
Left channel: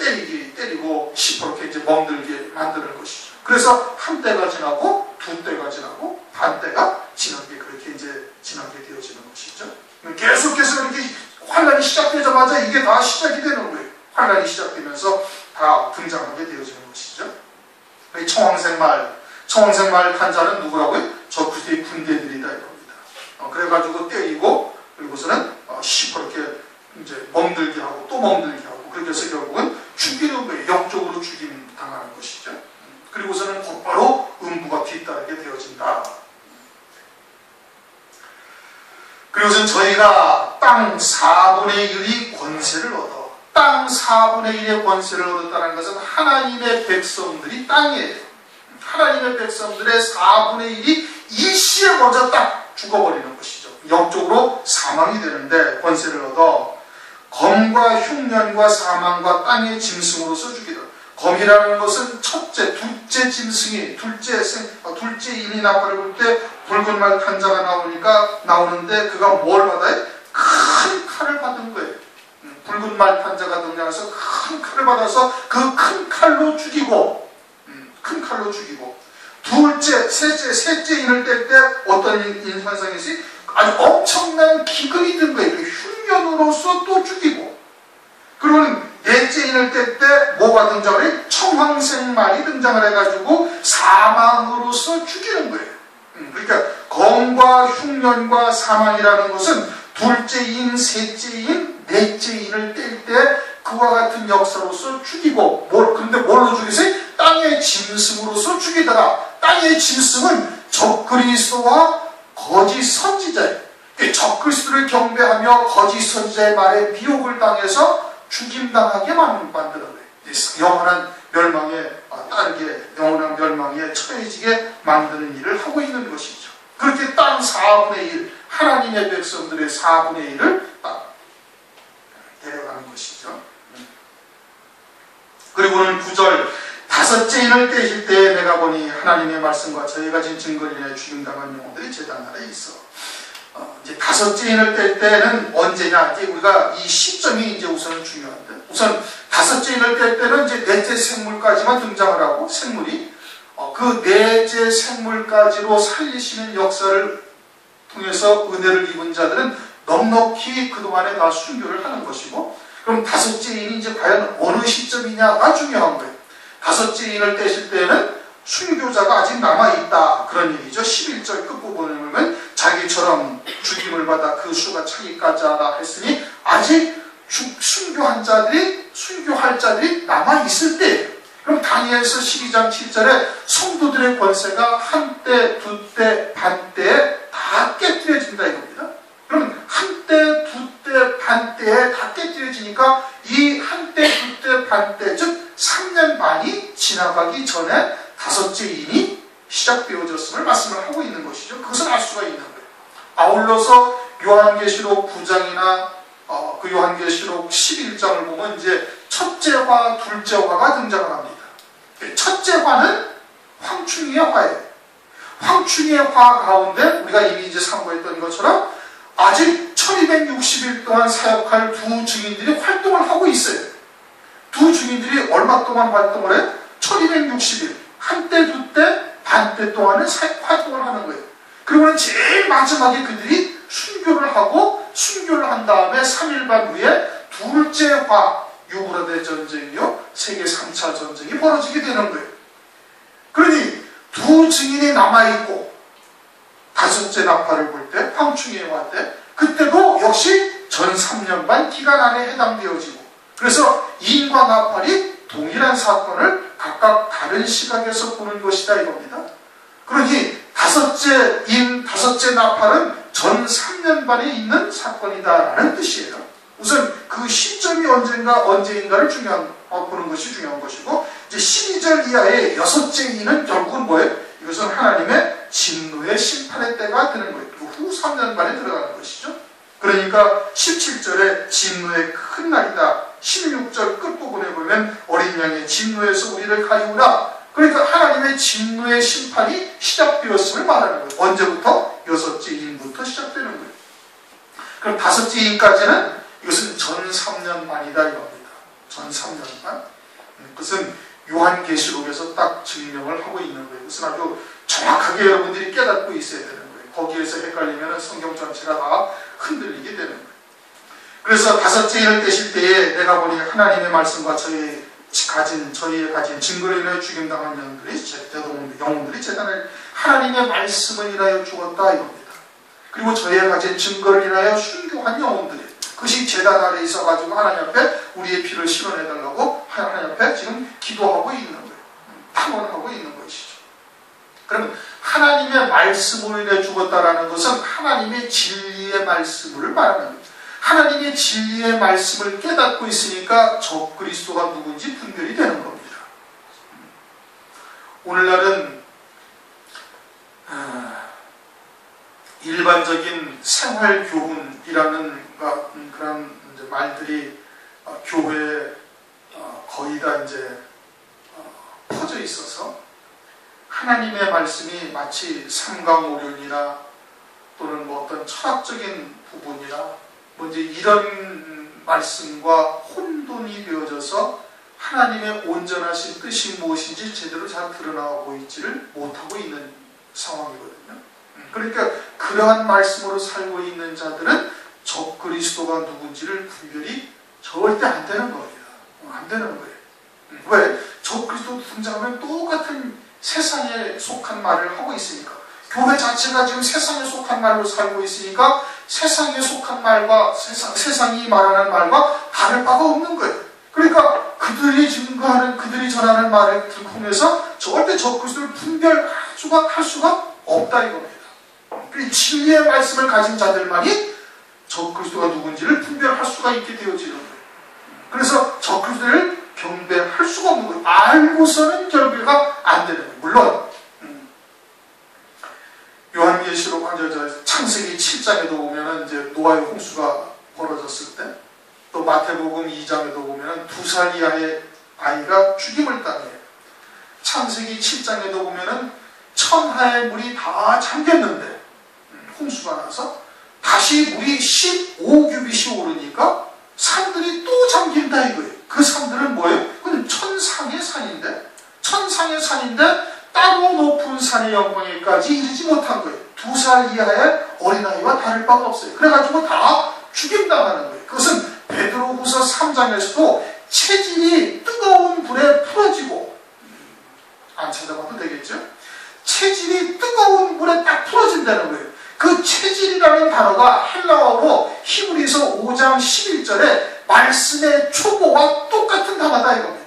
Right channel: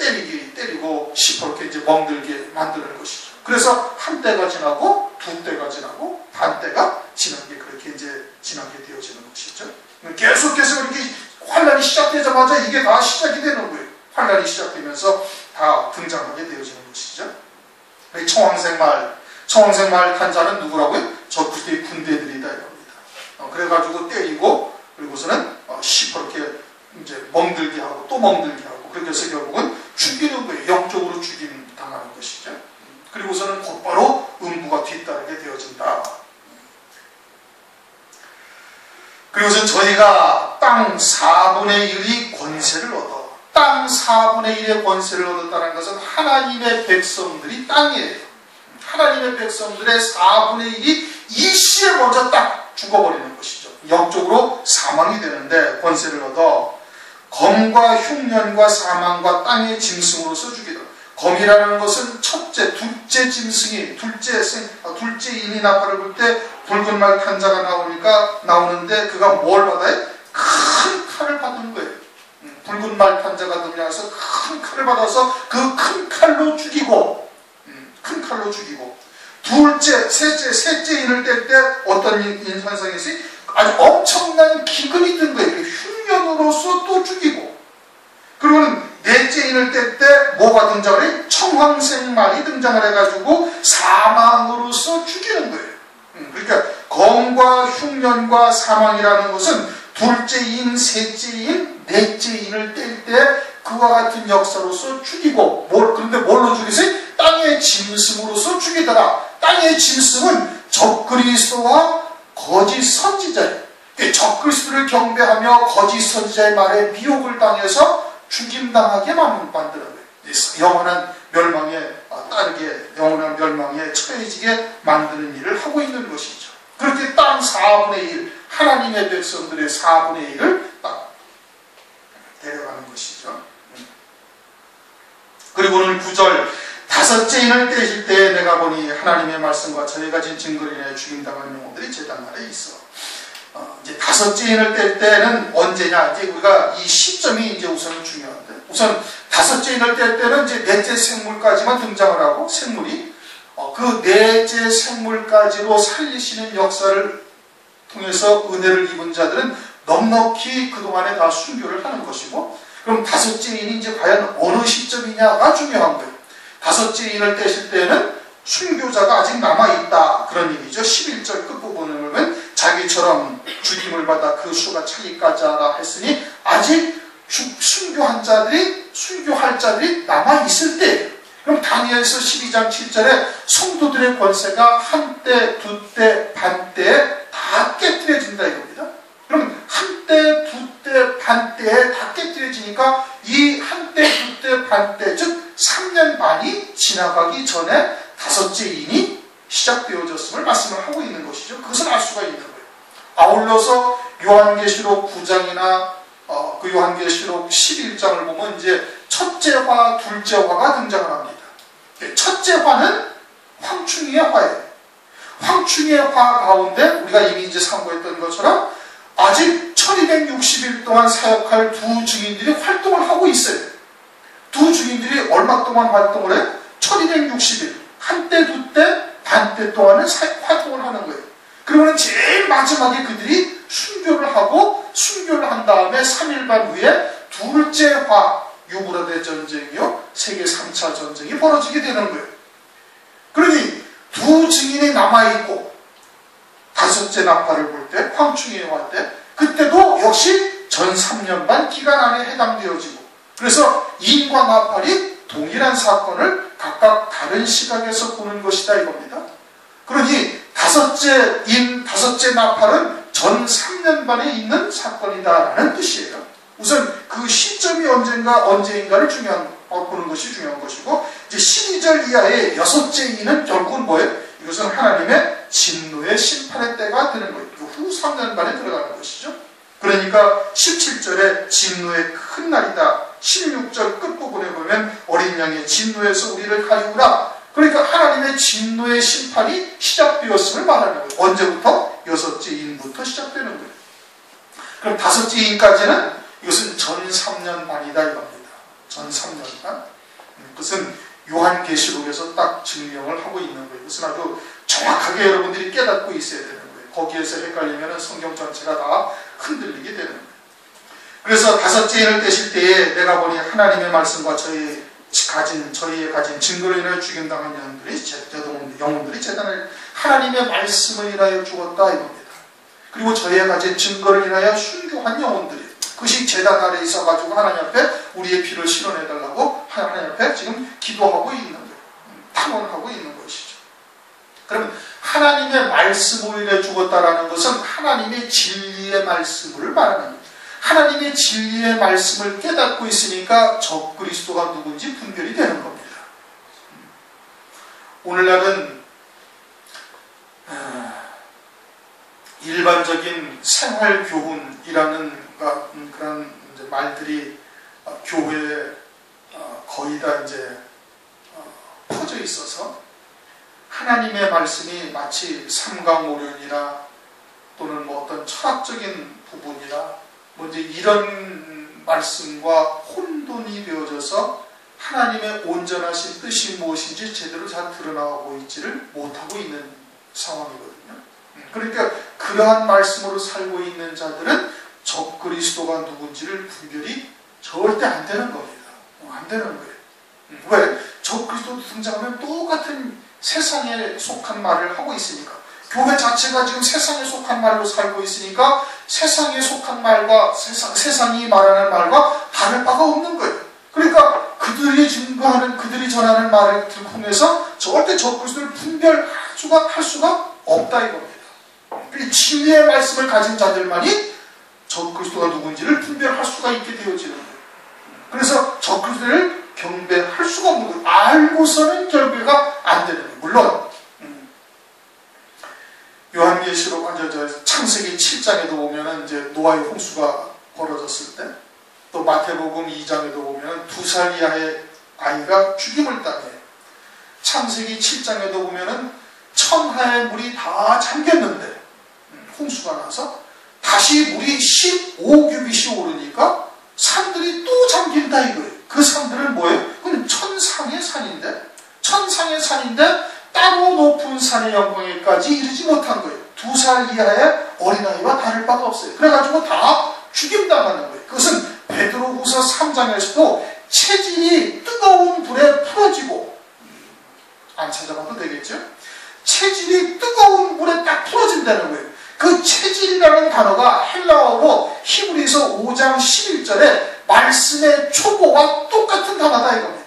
때리고 시퍼렇게 이제 멍들게 만드는 것이죠. 그래서 한 때가 지나고 두 때가 지나고 반 때가 지난 게 그렇게 이제 지나게 되어지는 것이죠. 계속해서 이렇게 환란이 시작되자마자 이게 다 시작이 되는 거예요. 환란이 시작되면서 다 등장하게 되어지는 것이죠. 청황색 말 탄자는 누구라고요? 적그리스도의 군대들이다 이겁니다. 그래가지고 때리고 그리고서는 시퍼렇게 이제 멍들게 하고 또 멍들게 하고 그렇게 해서 결국은 죽이는 거예요. 영적으로 당하는 것이죠. 그리고서는 곧바로 음부가 뒤따르게 되어진다. 그리고선 저희가 땅 4분의 1이 권세를 얻어. 땅 4분의 1의 권세를 얻었다는 것은 하나님의 백성들이 땅이에요. 하나님의 백성들의 4분의 1이 일시에 먼저 딱 죽어버리는 것이죠. 영적으로 사망이 되는데 권세를 얻어 검과 흉년과 사망과 땅의 짐승으로서 죽이다. 검이라는 것은 첫째, 둘째 짐승이 둘째인이 나팔을 불 때 붉은 말 탄자가 나오는데 그가 뭘 받아요? 큰 칼을 받은 거예요. 붉은 말 탄자가 등장해서 큰 칼을 받아서 그 큰 칼로 죽이고 둘째, 셋째 인을 뗄 때 어떤 현상이 있어요? 아주 엄청난 기근이 든 거예요. 흉년으로서 또 죽이고 그러면 넷째 인을 뗄 때 뭐가 등장을 해요? 청황색 말이 등장을 해가지고 사망으로서 죽이는 거예요. 그러니까 병과 흉년과 사망이라는 것은 둘째인, 셋째인, 넷째인을 뗄 때 그와 같은 역사로서 죽이고, 그런데 뭘로 죽이세요? 땅의 짐승으로서 죽이더라. 땅의 짐승은 적그리스도와 거짓 선지자예요. 적그리스도를 경배하며 거짓 선지자의 말에 미혹을 당해서 죽임당하게 만드는 거예요. 영원한 멸망에 따르게, 영원한 멸망에 처해지게 만드는 일을 하고 있는 것이죠. 그렇게 땅 4분의 1, 하나님의 백성들의 4분의 1을 딱 데려가는 것이죠. 그리고는 9절, 다섯째 인을 떼실 때 내가 보니 하나님의 말씀과 저희가 진 증거를 인해 죽임당하는 영혼들이 제단 아래에 있어. 이제 다섯째 인을 뗄 때는 언제냐? 이제 우리가 이 시점이 이제 우선은 중요한데, 우선 다섯째 인을 뗄 때는 이제 넷째 생물까지만 등장을 하고, 생물이 그 넷째 생물까지로 살리시는 역사를 통해서 은혜를 입은 자들은 넉넉히 그동안에 다 순교를 하는 것이고, 그럼 다섯째 인이 이제 과연 어느 시점이냐가 중요한 거예요. 다섯째 인을 떼실 때는 순교자가 아직 남아있다, 그런 얘기죠. 11절 끝부분을 보면 자기처럼 죽임을 받아 그 수가 차기까지 하라 했으니 아직 순교할 자들이 남아있을 때, 그럼 다니엘서 12장 7절에 성도들의 권세가 한때, 두때, 반때에 다 깨뜨려진다 이겁니다. 그럼 한때, 두때, 반때에 다 깨뜨려지니까 이 한때, 두때, 반때, 즉 3년 반이 지나가기 전에 다섯째 인이 시작되어졌음을 말씀을 하고 있는 것이죠. 그것을 알 수가 있는 거예요. 아울러서 요한계시록 9장이나 그 요한계시록 11장을 보면 이제 첫째 화, 둘째 화가 등장을 합니다. 첫째 화는 황충이의 화예요. 황충이의 화 가운데 우리가 이미 이제 상고했던 것처럼 아직 1260일 동안 사역할 두 증인들이 활동을 하고 있어요. 두 증인들이 얼마 동안 활동을 해요? 1260일. 한때, 두때, 반때 동안은 활동을 하는 거예요. 그러면 제일 마지막에 그들이 순교를 하고, 순교를 한 다음에 3일 반 후에 둘째 화, 유브라데 전쟁이요, 세계 3차 전쟁이 벌어지게 되는 거예요. 그러니 두 증인이 남아있고, 다섯째 나팔을 불 때, 황충의 화 때, 그때도 역시 전 3년 반 기간 안에 해당되어지고, 그래서 인과 나팔이 동일한 사건을 각각 다른 시각에서 보는 것이다 이겁니다. 그러니 다섯째 나팔은 전 3년 반에 있는 사건이다라는 뜻이에요. 우선 그 시점이 언제인가를 보는 것이 중요한 것이고, 이제 12절 이하의 여섯째 인은 결국은 뭐예요? 이것은 하나님의 진노의 심판의 때가 되는 거예요. 그 후 3년 반에 들어가는 것이죠. 그러니까 17절에 진노의 큰 날이다. 16절 끝부분에 보면 어린 양의 진노에서 우리를 가리우라. 그러니까 하나님의 진노의 심판이 시작되었음을 말하는 거예요. 언제부터? 여섯째 인부터 시작되는 거예요. 그럼 다섯째 인까지는 이것은 전 3년 반이다 이겁니다. 전 3년 반. 그것은 요한계시록에서 딱 증명을 하고 있는 거예요. 그것은 아주 정확하게 여러분들이 깨닫고 있어야 되는 거예요. 거기에서 헷갈리면 성경 전체가 다 흔들리게 되는 거예요. 그래서 다섯째 인을 떼실 때에 내가 보니 하나님의 말씀과 저희의 가진 증거로 인하여 죽임당한 영혼들이 재단에 하나님의 말씀을 인하여 죽었다 이겁니다. 그리고 저희의 가진 증거를 인하여 순교한 영혼들이, 그것이 재단 아래 있어가지고 하나님 앞에 우리의 피를 실어내달라고 하나님 앞에 지금 기도하고 있는 거예요. 탐원하고 있는 것이죠. 그러면 하나님의 말씀으로 인해 죽었다라는 것은 하나님의 진리의 말씀을 말하는 거예요. 하나님의 진리의 말씀을 깨닫고 있으니까 적그리스도가 누군지 분별이 되는 겁니다. 오늘날은 일반적인 생활교훈이라는 그런 이제 말들이 교회에 거의 다 이제 퍼져 있어서 하나님의 말씀이 마치 삼강오륜이나 또는 뭐 어떤 철학적인 부분이나 뭐 이제 이런 말씀과 혼돈이 되어져서 하나님의 온전하신 뜻이 무엇인지 제대로 잘 드러나고 있지를 못하고 있는 상황이거든요. 그러니까 그러한 말씀으로 살고 있는 자들은 적그리스도가 누군지를 분별이 절대 안 되는 겁니다. 안 되는 거예요. 왜? 적그리스도 등장하면 똑같은 세상에 속한 말을 하고 있으니까. 교회 자체가 지금 세상에 속한 말로 살고 있으니까 세상에 속한 말과 세상이 말하는 말과 다를 바가 없는 거예요. 그러니까 그들이 증거하는, 그들이 전하는 말을 통해서 절대 적그리스도를 분별할 수가 없다 이겁니다. 그리고 진리의 말씀을 가진 자들만이 적그리스도가 누군지를 분별할 수가 있게 되어지는 거예요. 그래서 적그리스도를 경배할 수가 없는 거예요. 알고서는 경배가 안 되는 거예요. 물론 요한계시록 창세기 7장에도 보면은 이제 노아의 홍수가 벌어졌을 때, 또 마태복음 2장에도 보면은 2살 이하의 아이가 죽임을 당해요. 창세기 7장에도 보면은 천하의 물이 다 잠겼는데 홍수가 나서 다시 물이 15규빗이 오르니까 산들이 또 잠긴다 이거예요. 그 산들은 뭐예요? 그건 천상의 산인데 따로 높은 산의 영광에까지 이르지 못한 거예요. 2살 이하의 어린아이와 다를 바가 없어요. 그래가지고 다 죽임당하는 거예요. 그것은 베드로후서 3장에서도 체질이 뜨거운 불에 풀어지고, 안 찾아봐도 되겠죠? 체질이 뜨거운 불에 딱 풀어진다는 거예요. 그 체질이라는 단어가 헬라어로 히브리서 5장 11절에 말씀의 초보와 똑같은 단어다 이겁니다.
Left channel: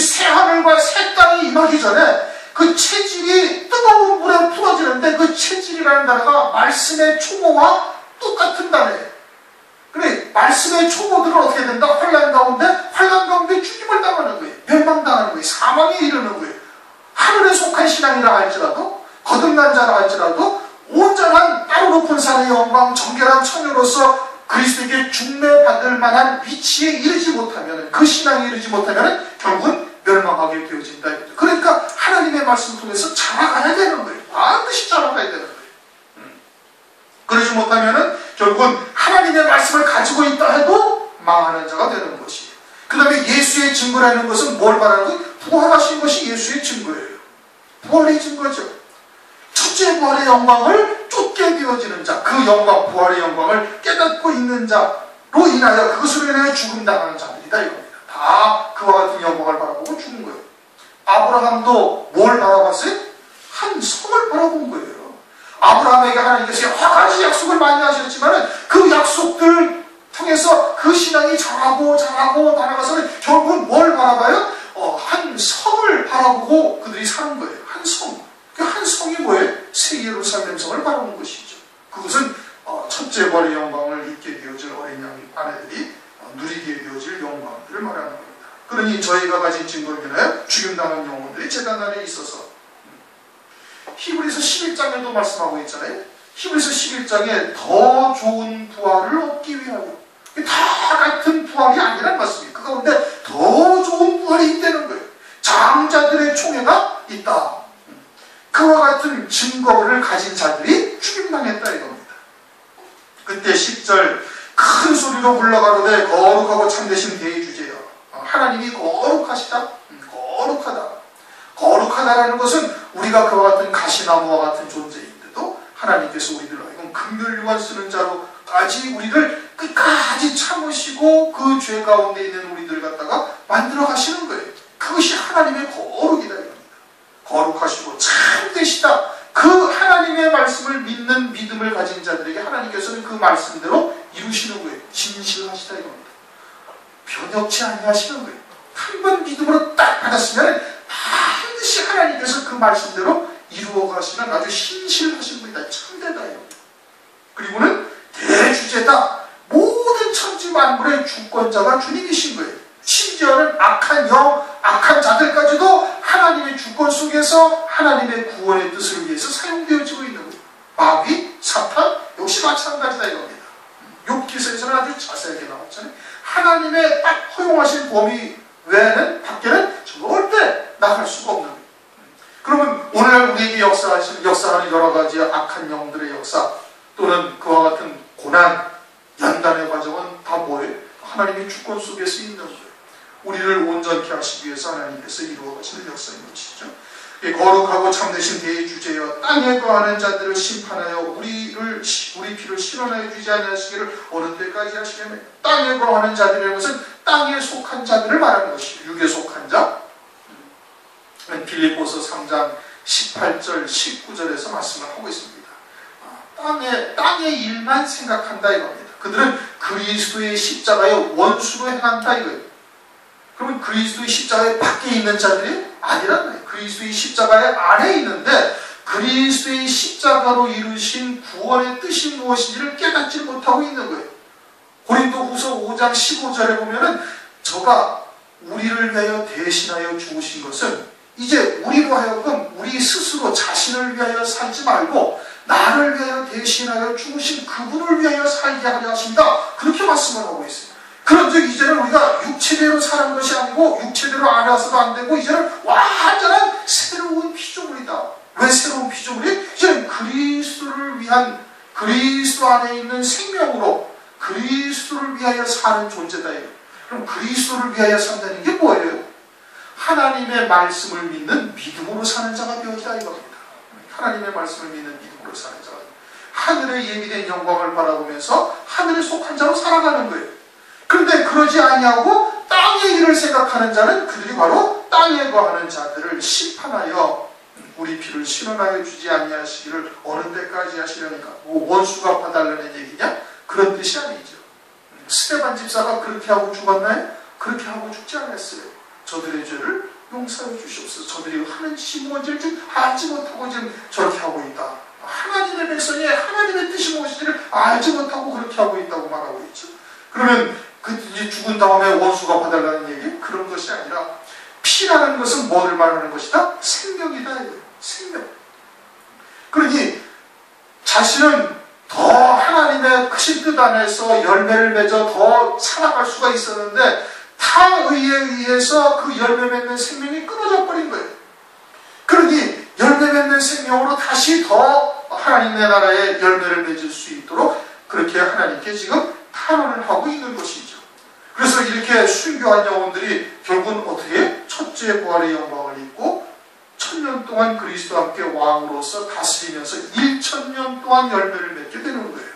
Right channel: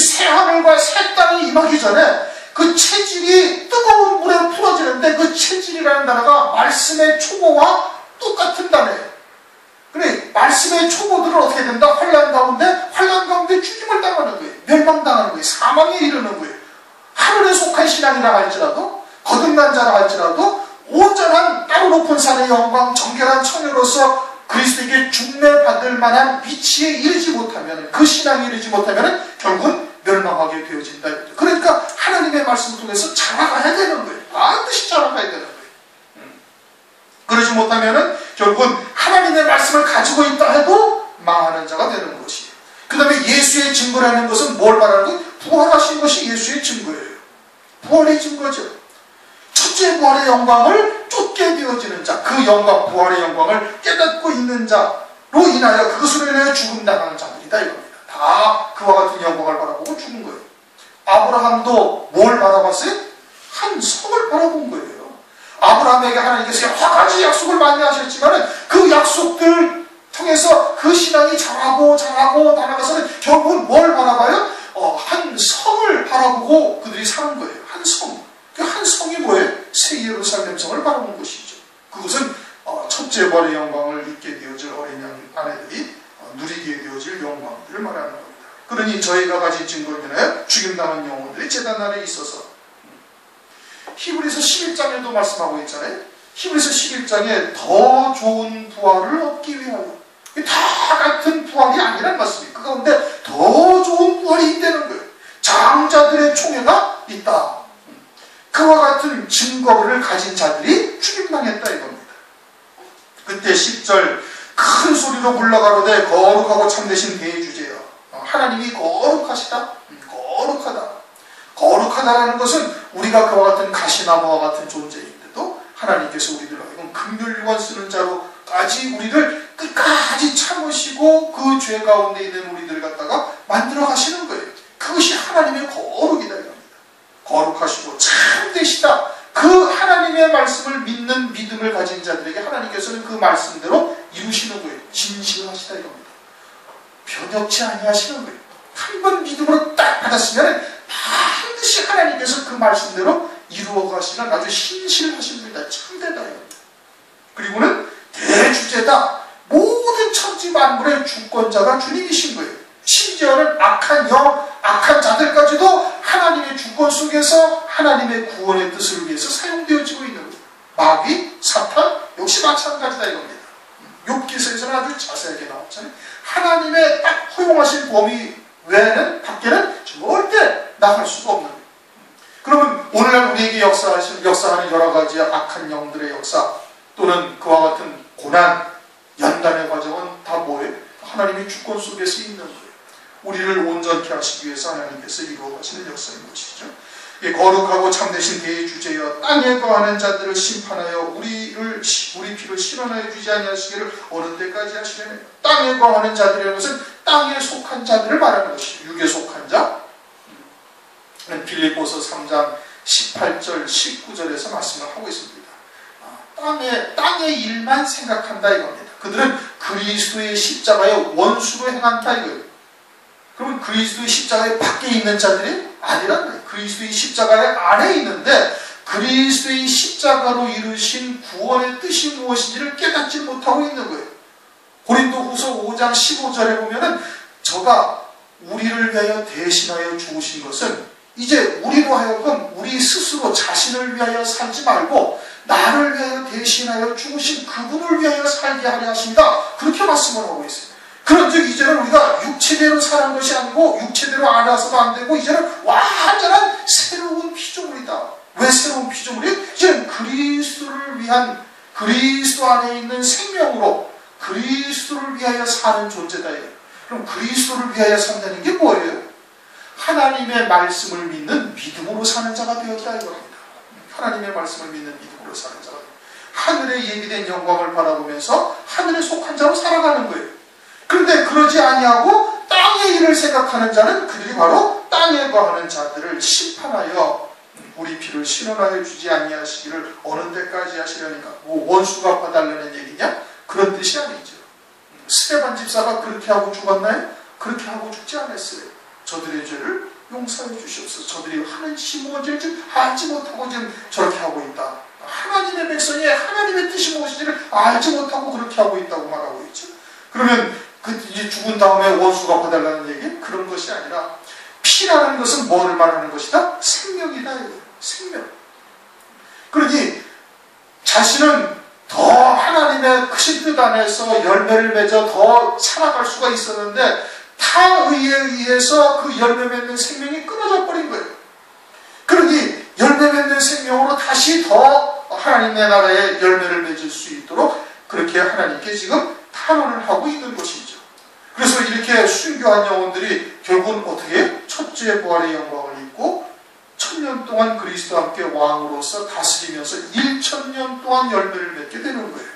새 하늘과 새 땅이 임하기 전에 그 체질이 뜨거운 물에 풀어지는데 그 체질이라는 단어가 말씀의 초보와 똑같은 단어예요. 그래, 말씀의 초보들은 어떻게 된다? 환난 가운데 죽임을 당하는 거예요. 멸망당하는 거예요. 사망에 이르는 거예요. 하늘에 속한 신앙이라 할지라도, 거듭난 자라 할지라도 온전한 따로 높은 산의 영광, 정결한 처녀로서 그리스도에게 중매받을 만한 위치에 이르지 못하면, 그 신앙에 이르지 못하면 결국은 멸망하게 되어진다. 그러니까 하나님의 말씀을 통해서 자라가야 되는 거예요. 반드시 자라가야 되는 거예요. 그러지 못하면 결국은 하나님의 말씀을 가지고 있다 해도 망하는 자가 되는 것이에요. 그 다음에 예수의 증거라는 것은 뭘 말하는 거예요? 부활하신 것이 예수의 증거예요. 부활의 증거죠. 첫째 부활의 영광을 쫓게 되어지는 자, 그 영광, 부활의 영광을 깨닫고 있는 자로 인하여 그것으로 인하여 죽음당하는 자들이다 이겁니다. 다 그와 같은 영광을 바라보고 죽은 거예요. 아브라함도 뭘 바라봤어요? 한 성을 바라본 거예요. 아브라함에게 하나님께서 여러 가지 약속을 많이 하셨지만 그 약속들 통해서 그 신앙이 자라고 나아가서는 결국은 뭘 바라봐요? 한 성을 바라보고 그들이 사는 거예요. 한 성. 그 한 성이 뭐예요? 새 예루살렘 성을 바라본 것이죠. 그것은 첫째 부활의 영광을 입게 되어질 어린 양 아내들이 누리게 되어질 영광들을 말하는 겁니다. 그러니 저희가 가진 증거는 죽임당한 영혼들이 제단 아래 있어서, 히브리서 11장에도 말씀하고 있잖아요. 히브리서 11장에 더 좋은 부활을 얻기 위하여, 다 같은 부활이 아니란 말씀이에요. 그 가운데 더 좋은 부활이 있다는 거예요. 장자들의 총회가 있다. 그와 같은 증거를 가진 자들이 죽임당했다 이겁니다. 그때 10절 큰 소리로 물러가로되 거룩하고 참되신 대주제여. 하나님이 거룩하시다. 거룩하다. 거룩하다라는 것은 우리가 그와 같은 가시나무와 같은 존재인데도 하나님께서 우리들 하여금 긍휼유한 쓰는 자로까지 우리를 끝까지 참으시고 그 죄 가운데 있는 우리들 갖다가 만들어 가시는 거예요. 그것이 하나님의 거룩이다 이겁니다. 거룩하시고 참되시다. 그 하나님의 말씀을 믿는 믿음을 가진 자들에게 하나님께서는 그 말씀대로 이루시는 거예요. 진실하시다 이겁니다. 변덕치 아니하시는 거예요. 한 번 믿음으로 딱 받았으면 반드시 하나님께서 그 말씀대로 이루어 가시는 아주 신실하신 분이다. 참되다 이겁니다. 그리고는 대주제다. 모든 천지 만물의 주권자가 주님이신 거예요. 심지어는 악한 영, 악한 자들까지도 하나님의 주권 속에서 하나님의 구원의 뜻을 위해서 사용되어지고 있는 거예요. 마귀, 사탄 역시 마찬가지다 이겁니다. 욥기서에서는 아주 자세하게 나왔잖아요. 하나님의 딱 허용하신 범위 외에는 밖에는 절대 나갈 수가 없는 거예요. 그러면 오늘 우리에게 역사하는 여러 가지 악한 영들의 역사 또는 그와 같은 고난, 연단의 과정은 다 뭐예요? 하나님의 주권 속에서 있는 거예요. 우리를 온전케 하시기 위해서 하나님께서 이루어 가시는 역사인 것이죠. 거룩하고 참되신 대주제여 땅에 거하는 자들을 심판하여 우리 피를 실현하여 주지 아니하시기를 어느 때까지 하시려네. 땅에 거하는 자들이라는 것은 땅에 속한 자들을 말하는 것이죠. 육에 속한 자. 빌립보서 3장 18절, 19절에서 말씀을 하고 있습니다. 땅의 일만 생각한다 이겁니다. 그들은 그리스도의 십자가의 원수로 행한다 이거예요. 그러면 그리스도의 십자가의 밖에 있는 자들이 아니라는 거예요. 그리스도의 십자가의 안에 있는데 그리스도의 십자가로 이루신 구원의 뜻이 무엇인지를 깨닫지 못하고 있는 거예요. 고린도후서 5장 15절에 보면은 저가 우리를 위하여 대신하여 죽으신 것은 이제 우리로 하여금 우리 스스로 자신을 위하여 살지 말고 나를 위하여 대신하여 죽으신 그분을 위하여 살게 하려 하십니다. 그렇게 말씀을 하고 있어요. 그런즉 이제는 우리가 육체대로 사는 것이 아니고 육체대로 알아서도 안 되고 이제는 완전한 새로운 피조물이다. 왜 새로운 피조물이? 이제는 그리스도를 위한 그리스도 안에 있는 생명으로 그리스도를 위하여 사는 존재다. 그럼 그리스도를 위하여 산다는 게 뭐예요? 하나님의 말씀을 믿는 믿음으로 사는 자가 되었다 이겁니다. 하나님의 말씀을 믿는 믿음으로 사는 자가 하늘에 예비된 영광을 바라보면서 하늘에 속한 자로 살아가는 거예요. 그런데 그러지 아니하고 땅의 일을 생각하는 자는 그들이 바로 땅에 거하는 자들을 심판하여 우리 피를 신원하여 주지 아니하시기를 어느 때까지 하시려니까 원수가 봐달라는 얘기냐? 그런 뜻이 아니죠. 스데반 집사가 그렇게 하고 죽었나요? 그렇게 하고 죽지 않았어요. 저들의 죄를 용서해 주시옵소서. 저들이 하는 짓이 뭔지를 알지 못하고 지금 저렇게 하고 있다. 하나님의 백성이 하나님의 뜻이 무엇인지를 알지 못하고 그렇게 하고 있다고 말하고 있죠. 그러면 이제 죽은 다음에 원수가 봐달라는 얘기? 그런 것이 아니라 피라는 것은 뭐를 말하는 것이다? 생명이다. 생명. 그러니 자신은 더 하나님의 크신 뜻 안에서 열매를 맺어 더 살아갈 수가 있었는데 타의에 의해서 그 열매 맺는 생명이 끊어져 버린 거예요. 그러니 열매 맺는 생명으로 다시 더 하나님의 나라의 열매를 맺을 수 있도록 그렇게 하나님께 지금 탄원을 하고 있는 것이죠. 그래서 이렇게 순교한 영혼들이 결국은 어떻게 첫째 부활의 영광을 입고 1000년 동안 그리스도와 함께 왕으로서 다스리면서 1000년 동안 열매를 맺게 되는 거예요.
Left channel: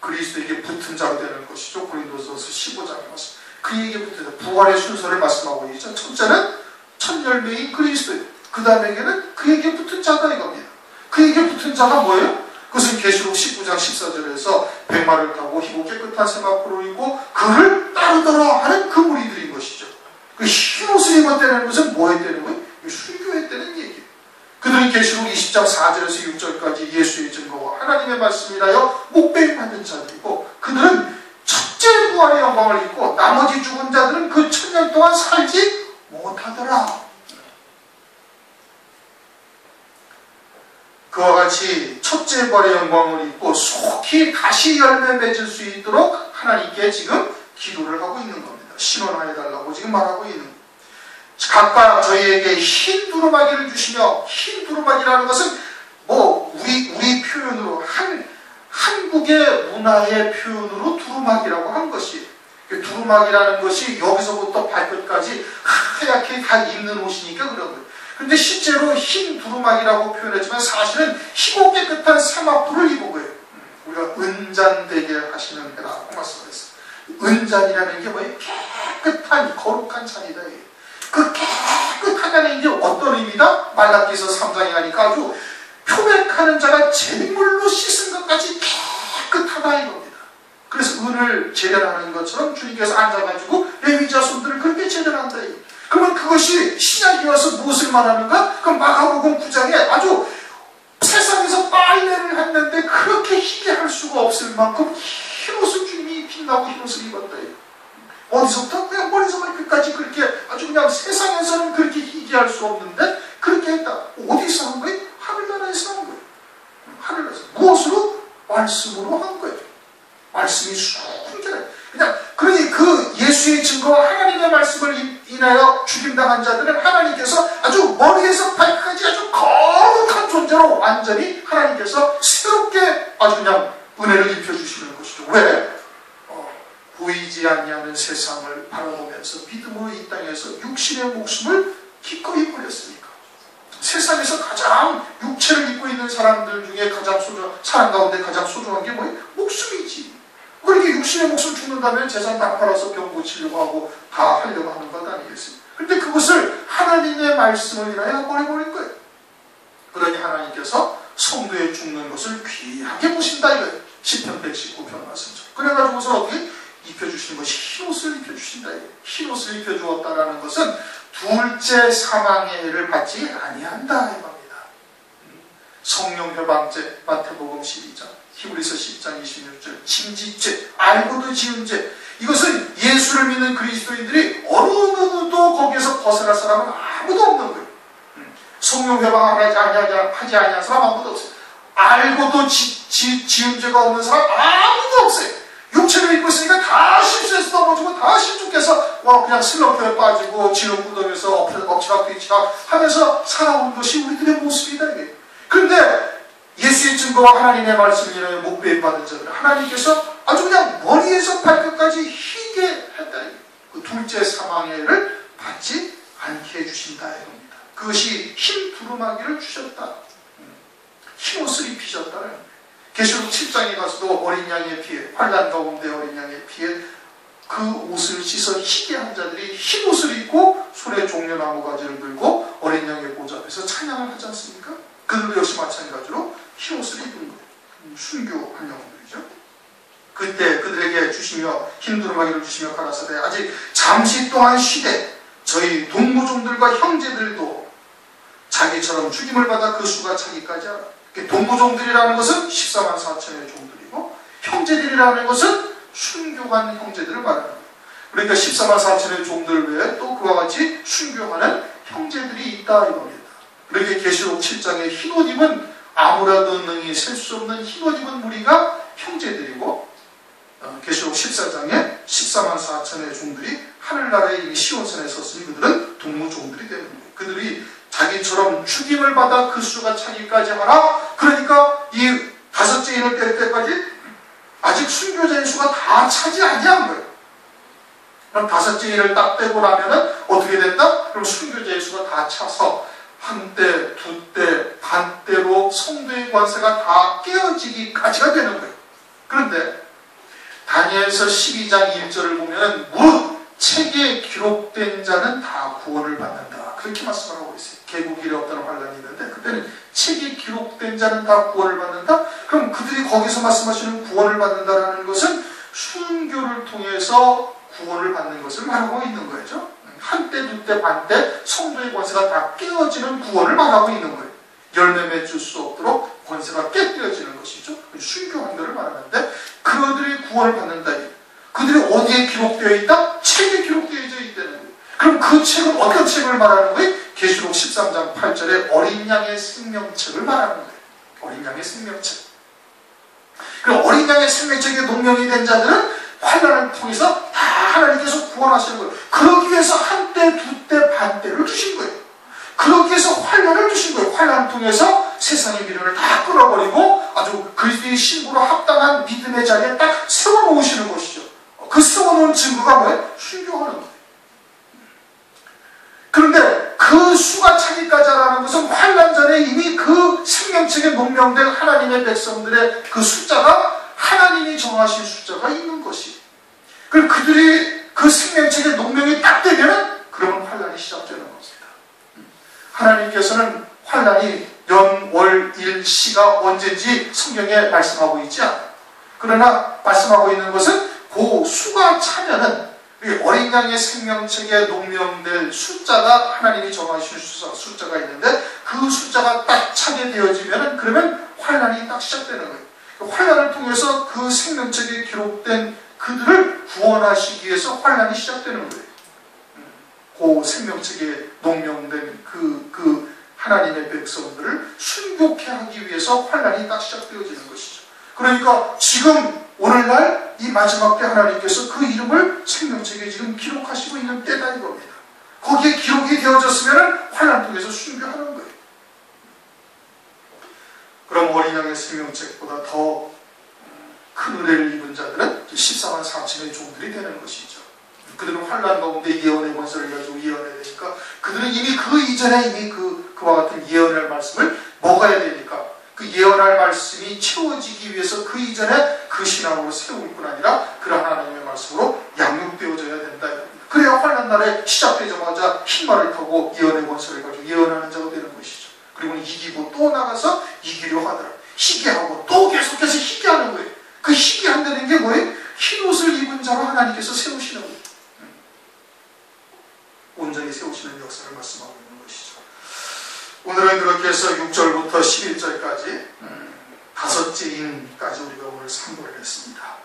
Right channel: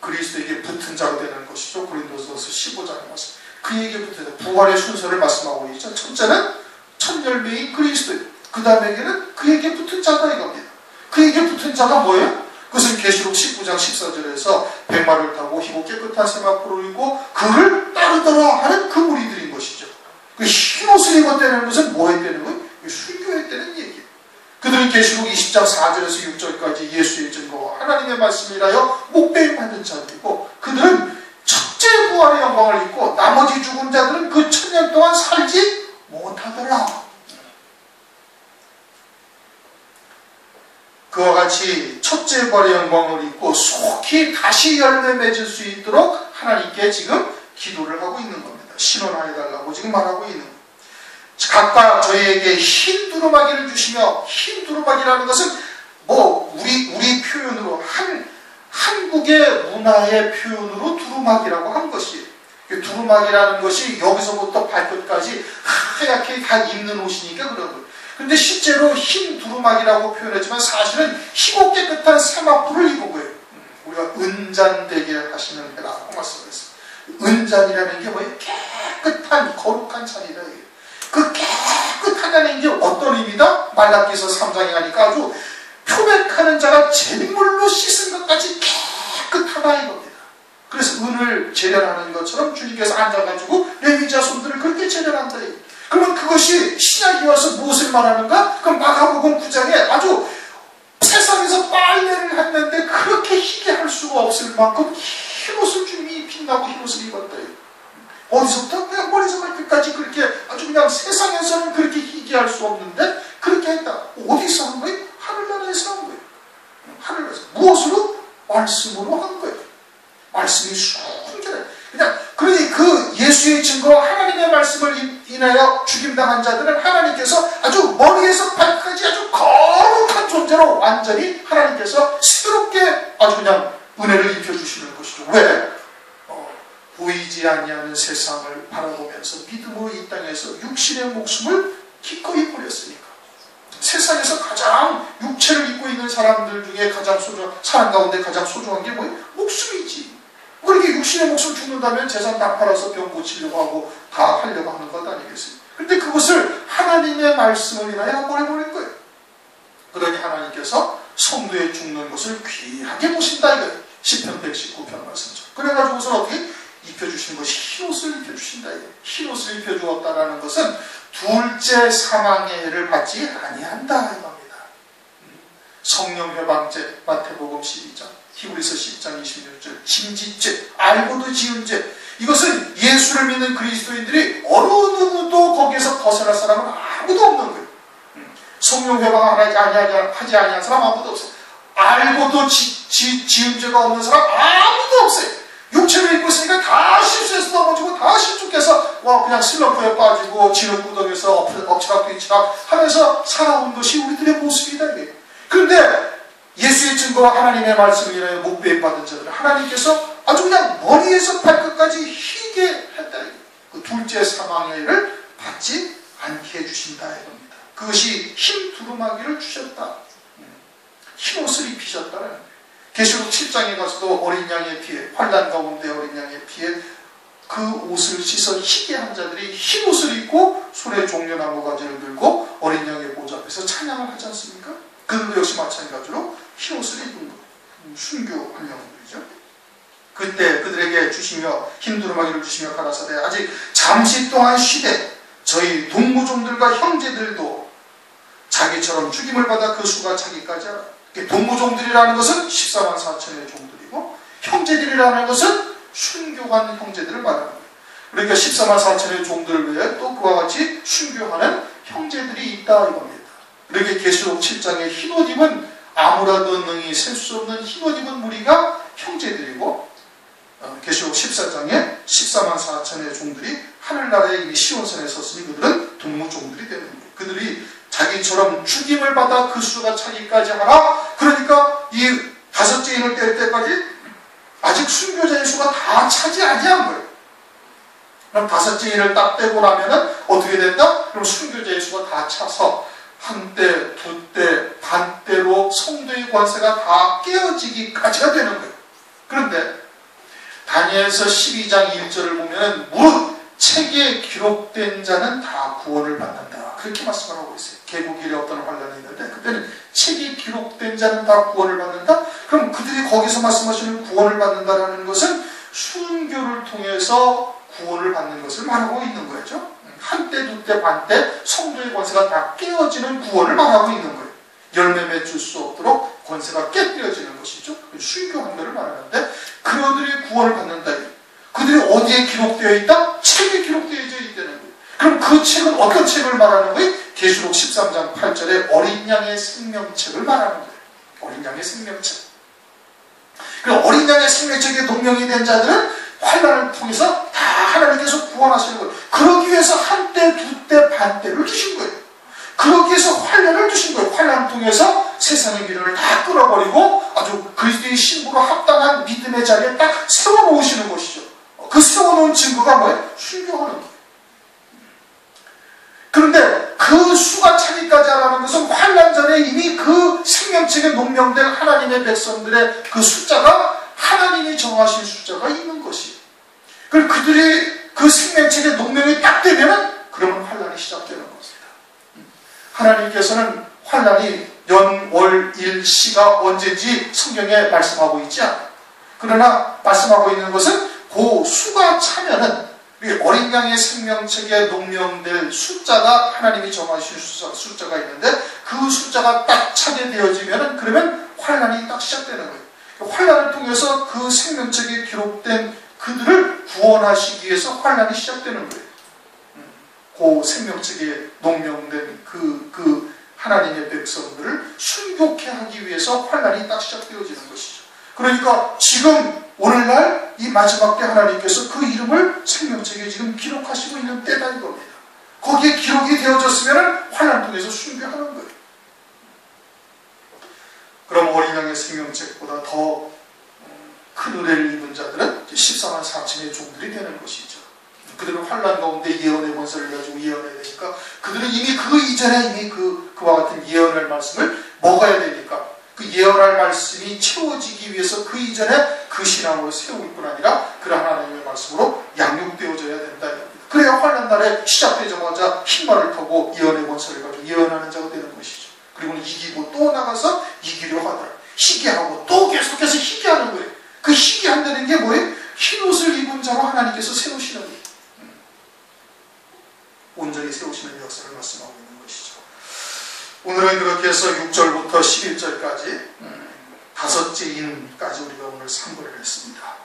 그리스도에게 붙은 자가 되는 것이죠. 고린도서서 15장의 말씀. 그에게 붙은 자, 부활의 순서를 말씀하고 있죠. 첫째는 첫 열매인 그리스도예요. 그 다음에게는 그에게 붙은 자가 이겁니다. 그에게 붙은 자가 뭐예요? 그것은 계시록 19장 14절에서 백마를 타고 희고 깨끗한 세마포를 입고 그를 따르더라 하는 그 무리들인 것이죠. 그 흰옷을 입었다는 것은 뭐 했다는 거예요? 순교했다는 얘기예요. 그들은 계시록 20장 4절에서 6절까지 예수의 증거와 하나님의 말씀이라여 목배임 받은 자들이고 그들은 첫째 부활의 영광을 입고 나머지 죽은 자들은 그 1000년 동안 살지 못하더라. 그와 같이 첫째 부활의 영광을 입고 속히 다시 열매 맺을 수 있도록 하나님께 지금 기도를 하고 있는 겁니다. 신원하여달라고 지금 말하고 있는 겁니다. 각각 저희에게 흰 두루마기를 주시며 흰 두루마기라는 것은 뭐 우리 표현으로 한국의 문화의 표현으로 두루마기라고 한 것이에요. 두루마기라는 것이 여기서부터 발끝까지 하얗게 다 입는 옷이니까 그런 거예요. 그런데 실제로 흰 두루마기라고 표현했지만 사실은 희고 깨끗한 세마포를 입은 거예요. 우리가 은잔되게 하시는 해라고 말씀했어요. 은잔이라는 게 뭐예요? 깨끗한 거룩한 잔이다. 그 깨끗하다는 게 어떤 의미다? 말라기서 3장에 가니까 아주 표백하는 자가 잿물로 씻은 것까지 깨끗하다 이겁니다. 그래서 은을 제단하는 것처럼 주님께서 앉아가지고 레위 자손들을 그렇게 제단한다. 그러면 그것이 신약이 와서 무엇을 말하는가? 그럼 마가복음 9장에 아주 세상에서 빨래를 했는데 그렇게 희게 할 수가 없을 만큼 흰옷을 주님이 빛나고 흰옷을 입었다. 어디서부터 그냥 머리에서 발끝까지 그렇게 아주 그냥 세상에서는 그렇게 희게 할 수 없는데 그렇게 했다. 어디서 한 거예요? 하늘나라에서 한 거예요. 하늘나라에서. 무엇으로? 말씀으로 한 거예요. 말씀이 순결해. 그러니 그 예수의 증거와 하나님의 말씀을 인하여 죽임당한 자들은 하나님께서 아주 머리에서 발끝까지 아주 거룩한 존재로 완전히 하나님께서 새롭게 아주 그냥 은혜를 입혀주시는 것이죠. 왜? 보이지 아니하는 세상을 바라보면서 믿음으로 이 땅에서 육신의 목숨을 기꺼이 버렸으니까. 세상에서 가장 육체를 입고 있는 사람들 중에 가장 사람 가운데 가장 소중한 게 뭐예요? 목숨이지. 그렇게 육신의 목숨 죽는다면 재산 다 팔아서 병 고치려고 하고 다 하려고 하는 것 아니겠어요? 그런데 그것을 하나님의 말씀을 인하여 보내버린 거예요. 그러니 하나님께서 성도의 죽는 것을 귀하게 보신다 이거예요. 시편 119편 말씀이죠. 그래가지고서 어떻게 입혀주신 것이 흰옷을 입혀주신다 이거예요. 흰옷을 입혀주었다라는 것은 둘째 사망의 해를 받지 아니한다 이겁니다. 성령 회방죄, 마태복음 12장, 히브리서 10장 26절, 침짓죄, 알고도 지은 죄, 이것은 예수를 믿는 그리스도인들이 어느 누구도 거기에서 벗어날 사람은 아무도 없는 거예요. 성령 회방하지 아니한 사람 아무도 없어요. 알고도 지은 죄가 없는 사람 아무도 없어요. 육체를 입고 있으니까 다 실수해서 넘어지고 다 실족해서 그냥 슬럼프에 빠지고 지옥구덩에서 엎치락 뒤치락 하면서 살아온 것이 우리들의 모습이다 이게. 그런데 예수의 증거와 하나님의 말씀을 인하여 목배임 받은 자들 하나님께서 아주 그냥 머리에서 발끝까지 희게 했다. 그 둘째 사망의 해를 받지 않게 해주신다 이겁니다. 그것이 흰 두루마기를 주셨다. 흰 옷을 입히셨다는 거예요. 계시록 7장에 가서도 어린 양의 피에, 환난 가운데 어린 양의 피에 그 옷을 씻어 희게 한 자들이 흰 옷을 입고 손에 종려나무 가지를 들고 어린 양의 보좌 앞에서 찬양을 하지 않습니까? 그들도 역시 마찬가지로 흰 옷을 입은 거예요. 순교한 영혼들이죠. 그때 그들에게 주시며 흰 두루마기를 주시며 가라사대 아직 잠시 동안 쉬되 저희 동무종들과 형제들도 자기처럼 죽임을 받아 그 수가 차기까지 하라. 동무종들이라는 것은 14만 4천의 종들이고 형제들이라는 것은 순교한 형제들을 말하는 거예요. 그러니까 14만 4천의 종들 외에 또 그와 같이 순교하는 형제들이 있다 이겁니다. 그렇게 계시록 7장의 흰옷 입은 아무라도 능히 셀 수 없는 흰옷 입은 무리가 형제들이고 계시록 14장에 14만 4천의 종들이 하늘나라의 이 시온산에 섰으니 그들은 동무종들이 되는 거예요. 그들이 자기처럼 죽임을 받아 그 수가 차기까지 하라. 그러니까 이 다섯째 인을 뗄 때까지 아직 순교자의 수가 다 차지 아니한 거예요. 그럼 다섯째 인을 딱 떼고 나면은 어떻게 된다? 그럼 순교자의 수가 다 차서 한때, 두때, 반때로 성도의 관세가 다 깨어지기까지가 되는 거예요. 그런데 다니엘서 12장 1절을 보면은 무릇 책에 기록된 자는 다 구원을 받는다. 그렇게 말씀을 하고 있어요. 개국일에 없다는 환란이 있는데 그때는 책에 기록된 자는 다 구원을 받는다? 그럼 그들이 거기서 말씀하시는 구원을 받는다라는 것은 순교를 통해서 구원을 받는 것을 말하고 있는 거죠. 한때, 두때, 반때 성도의 권세가 다 깨어지는 구원을 말하고 있는 거예요. 열매 맺을 수 없도록 권세가 깨뜨려지는 것이죠. 순교한 것을 말하는데 그들이 구원을 받는다. 그들이 어디에 기록되어 있다? 책에 기록되어 있다는 거예요. 그럼 그 책은 어떤 책을 말하는 거예요? 계시록 13장 8절에 어린 양의 생명책을 말하는 거예요. 어린 양의 생명책. 그럼 어린 양의 생명책에 동명이 된 자들은 환난을 통해서 다 하나님께서 구원하시는 거예요. 그러기 위해서 한때, 두때, 반때를 주신 거예요. 그러기 위해서 환난을 주신 거예요. 환난을 통해서 세상의 미련을 다 끌어버리고 아주 그리스도의 신부로 합당한 믿음의 자리에 딱 세워놓으시는 것이죠. 그 세워놓은 증거가 뭐예요? 순교하는 거예요. 그런데 그 수가 차기까지 하라는 것은 환난 전에 이미 그 생명책에 농명된 하나님의 백성들의 그 숫자가 하나님이 정하신 숫자가 있는 것이. 그럼 그들이 그 생명책에 농명이 딱 되면 그러면 환난이 시작되는 것입니다. 하나님께서는 환난이 연, 월, 일, 시가 언제인지 성경에 말씀하고 있지 않아요. 그러나 말씀하고 있는 것은 그 수가 차면은 어린 양의 생명책에 농명될 숫자가 하나님이 정하신 숫자가 있는데 그 숫자가 딱 차게 되어지면 그러면 환난이 딱 시작되는 거예요. 환난을 통해서 그 생명책에 기록된 그들을 구원하시기 위해서 환난이 시작되는 거예요. 그 생명책에 농명된 그 하나님의 백성들을 순교케 하기 위해서 환난이 딱 시작되어지는 것이죠. 그러니까 지금 오늘날 이 마지막 때 하나님께서 그 이름을 생명책에 지금 기록하시고 있는 때다 이겁니다. 거기에 기록이 되어졌으면 환난 통해서 순교하는 거예요. 그럼 어린 양의 생명책보다 더 큰 은혜를 입은 자들은 14만 4천의 종들이 되는 것이죠. 그들은 환난 가운데 예언의 권세를 가지고 예언해야 되니까 그들은 이미 그 이전에 이미 그와 같은 예언할 말씀을 먹어야 되니까 그 예언할 말씀이 채워지기 위해서 그 이전에 그 신앙으로 세울 뿐 아니라 그런 하나님의 말씀으로 양육되어져야 된다. 그래야 그래야 환난 날에 시작되자마자 흰말을 타고 예언의 권세를 가지고 예언하는 자가 되는 것이죠. 그리고 이기고 또 나가서 이기려 하더라. 희귀하고 또 계속해서 희귀하는 거예요. 그 희귀한다는 게 뭐예요? 흰 옷을 입은 자로 하나님께서 세우시는 거예요. 온전히 세우시는 역사를 말씀하고 있는 것이죠. 오늘은 그렇게 해서 6절부터 11절까지 다섯째 인까지 우리가 오늘 상고를 했습니다.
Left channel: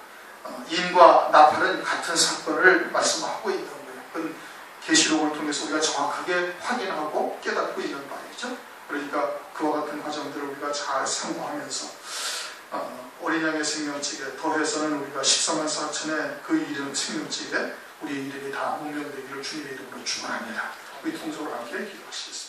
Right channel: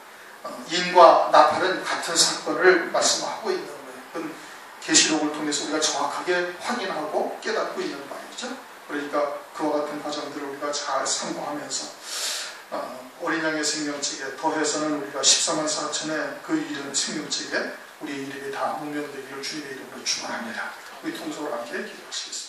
인과 나팔은 같은 사건을 말씀하고 있는 거예요. 그건 계시록을 통해서 우리가 정확하게 확인하고 깨닫고 있는 바이죠. 그러니까 그와 같은 과정들을 우리가 잘 상고하면서 어린 양의 생명책에 더해서는 우리가 14만 4천의 그 이름 생명책에 우리의 이름이 다 목명되기를 주님의 이름으로 축원합니다. 우리 통성으로 함께 기도하시겠습니다.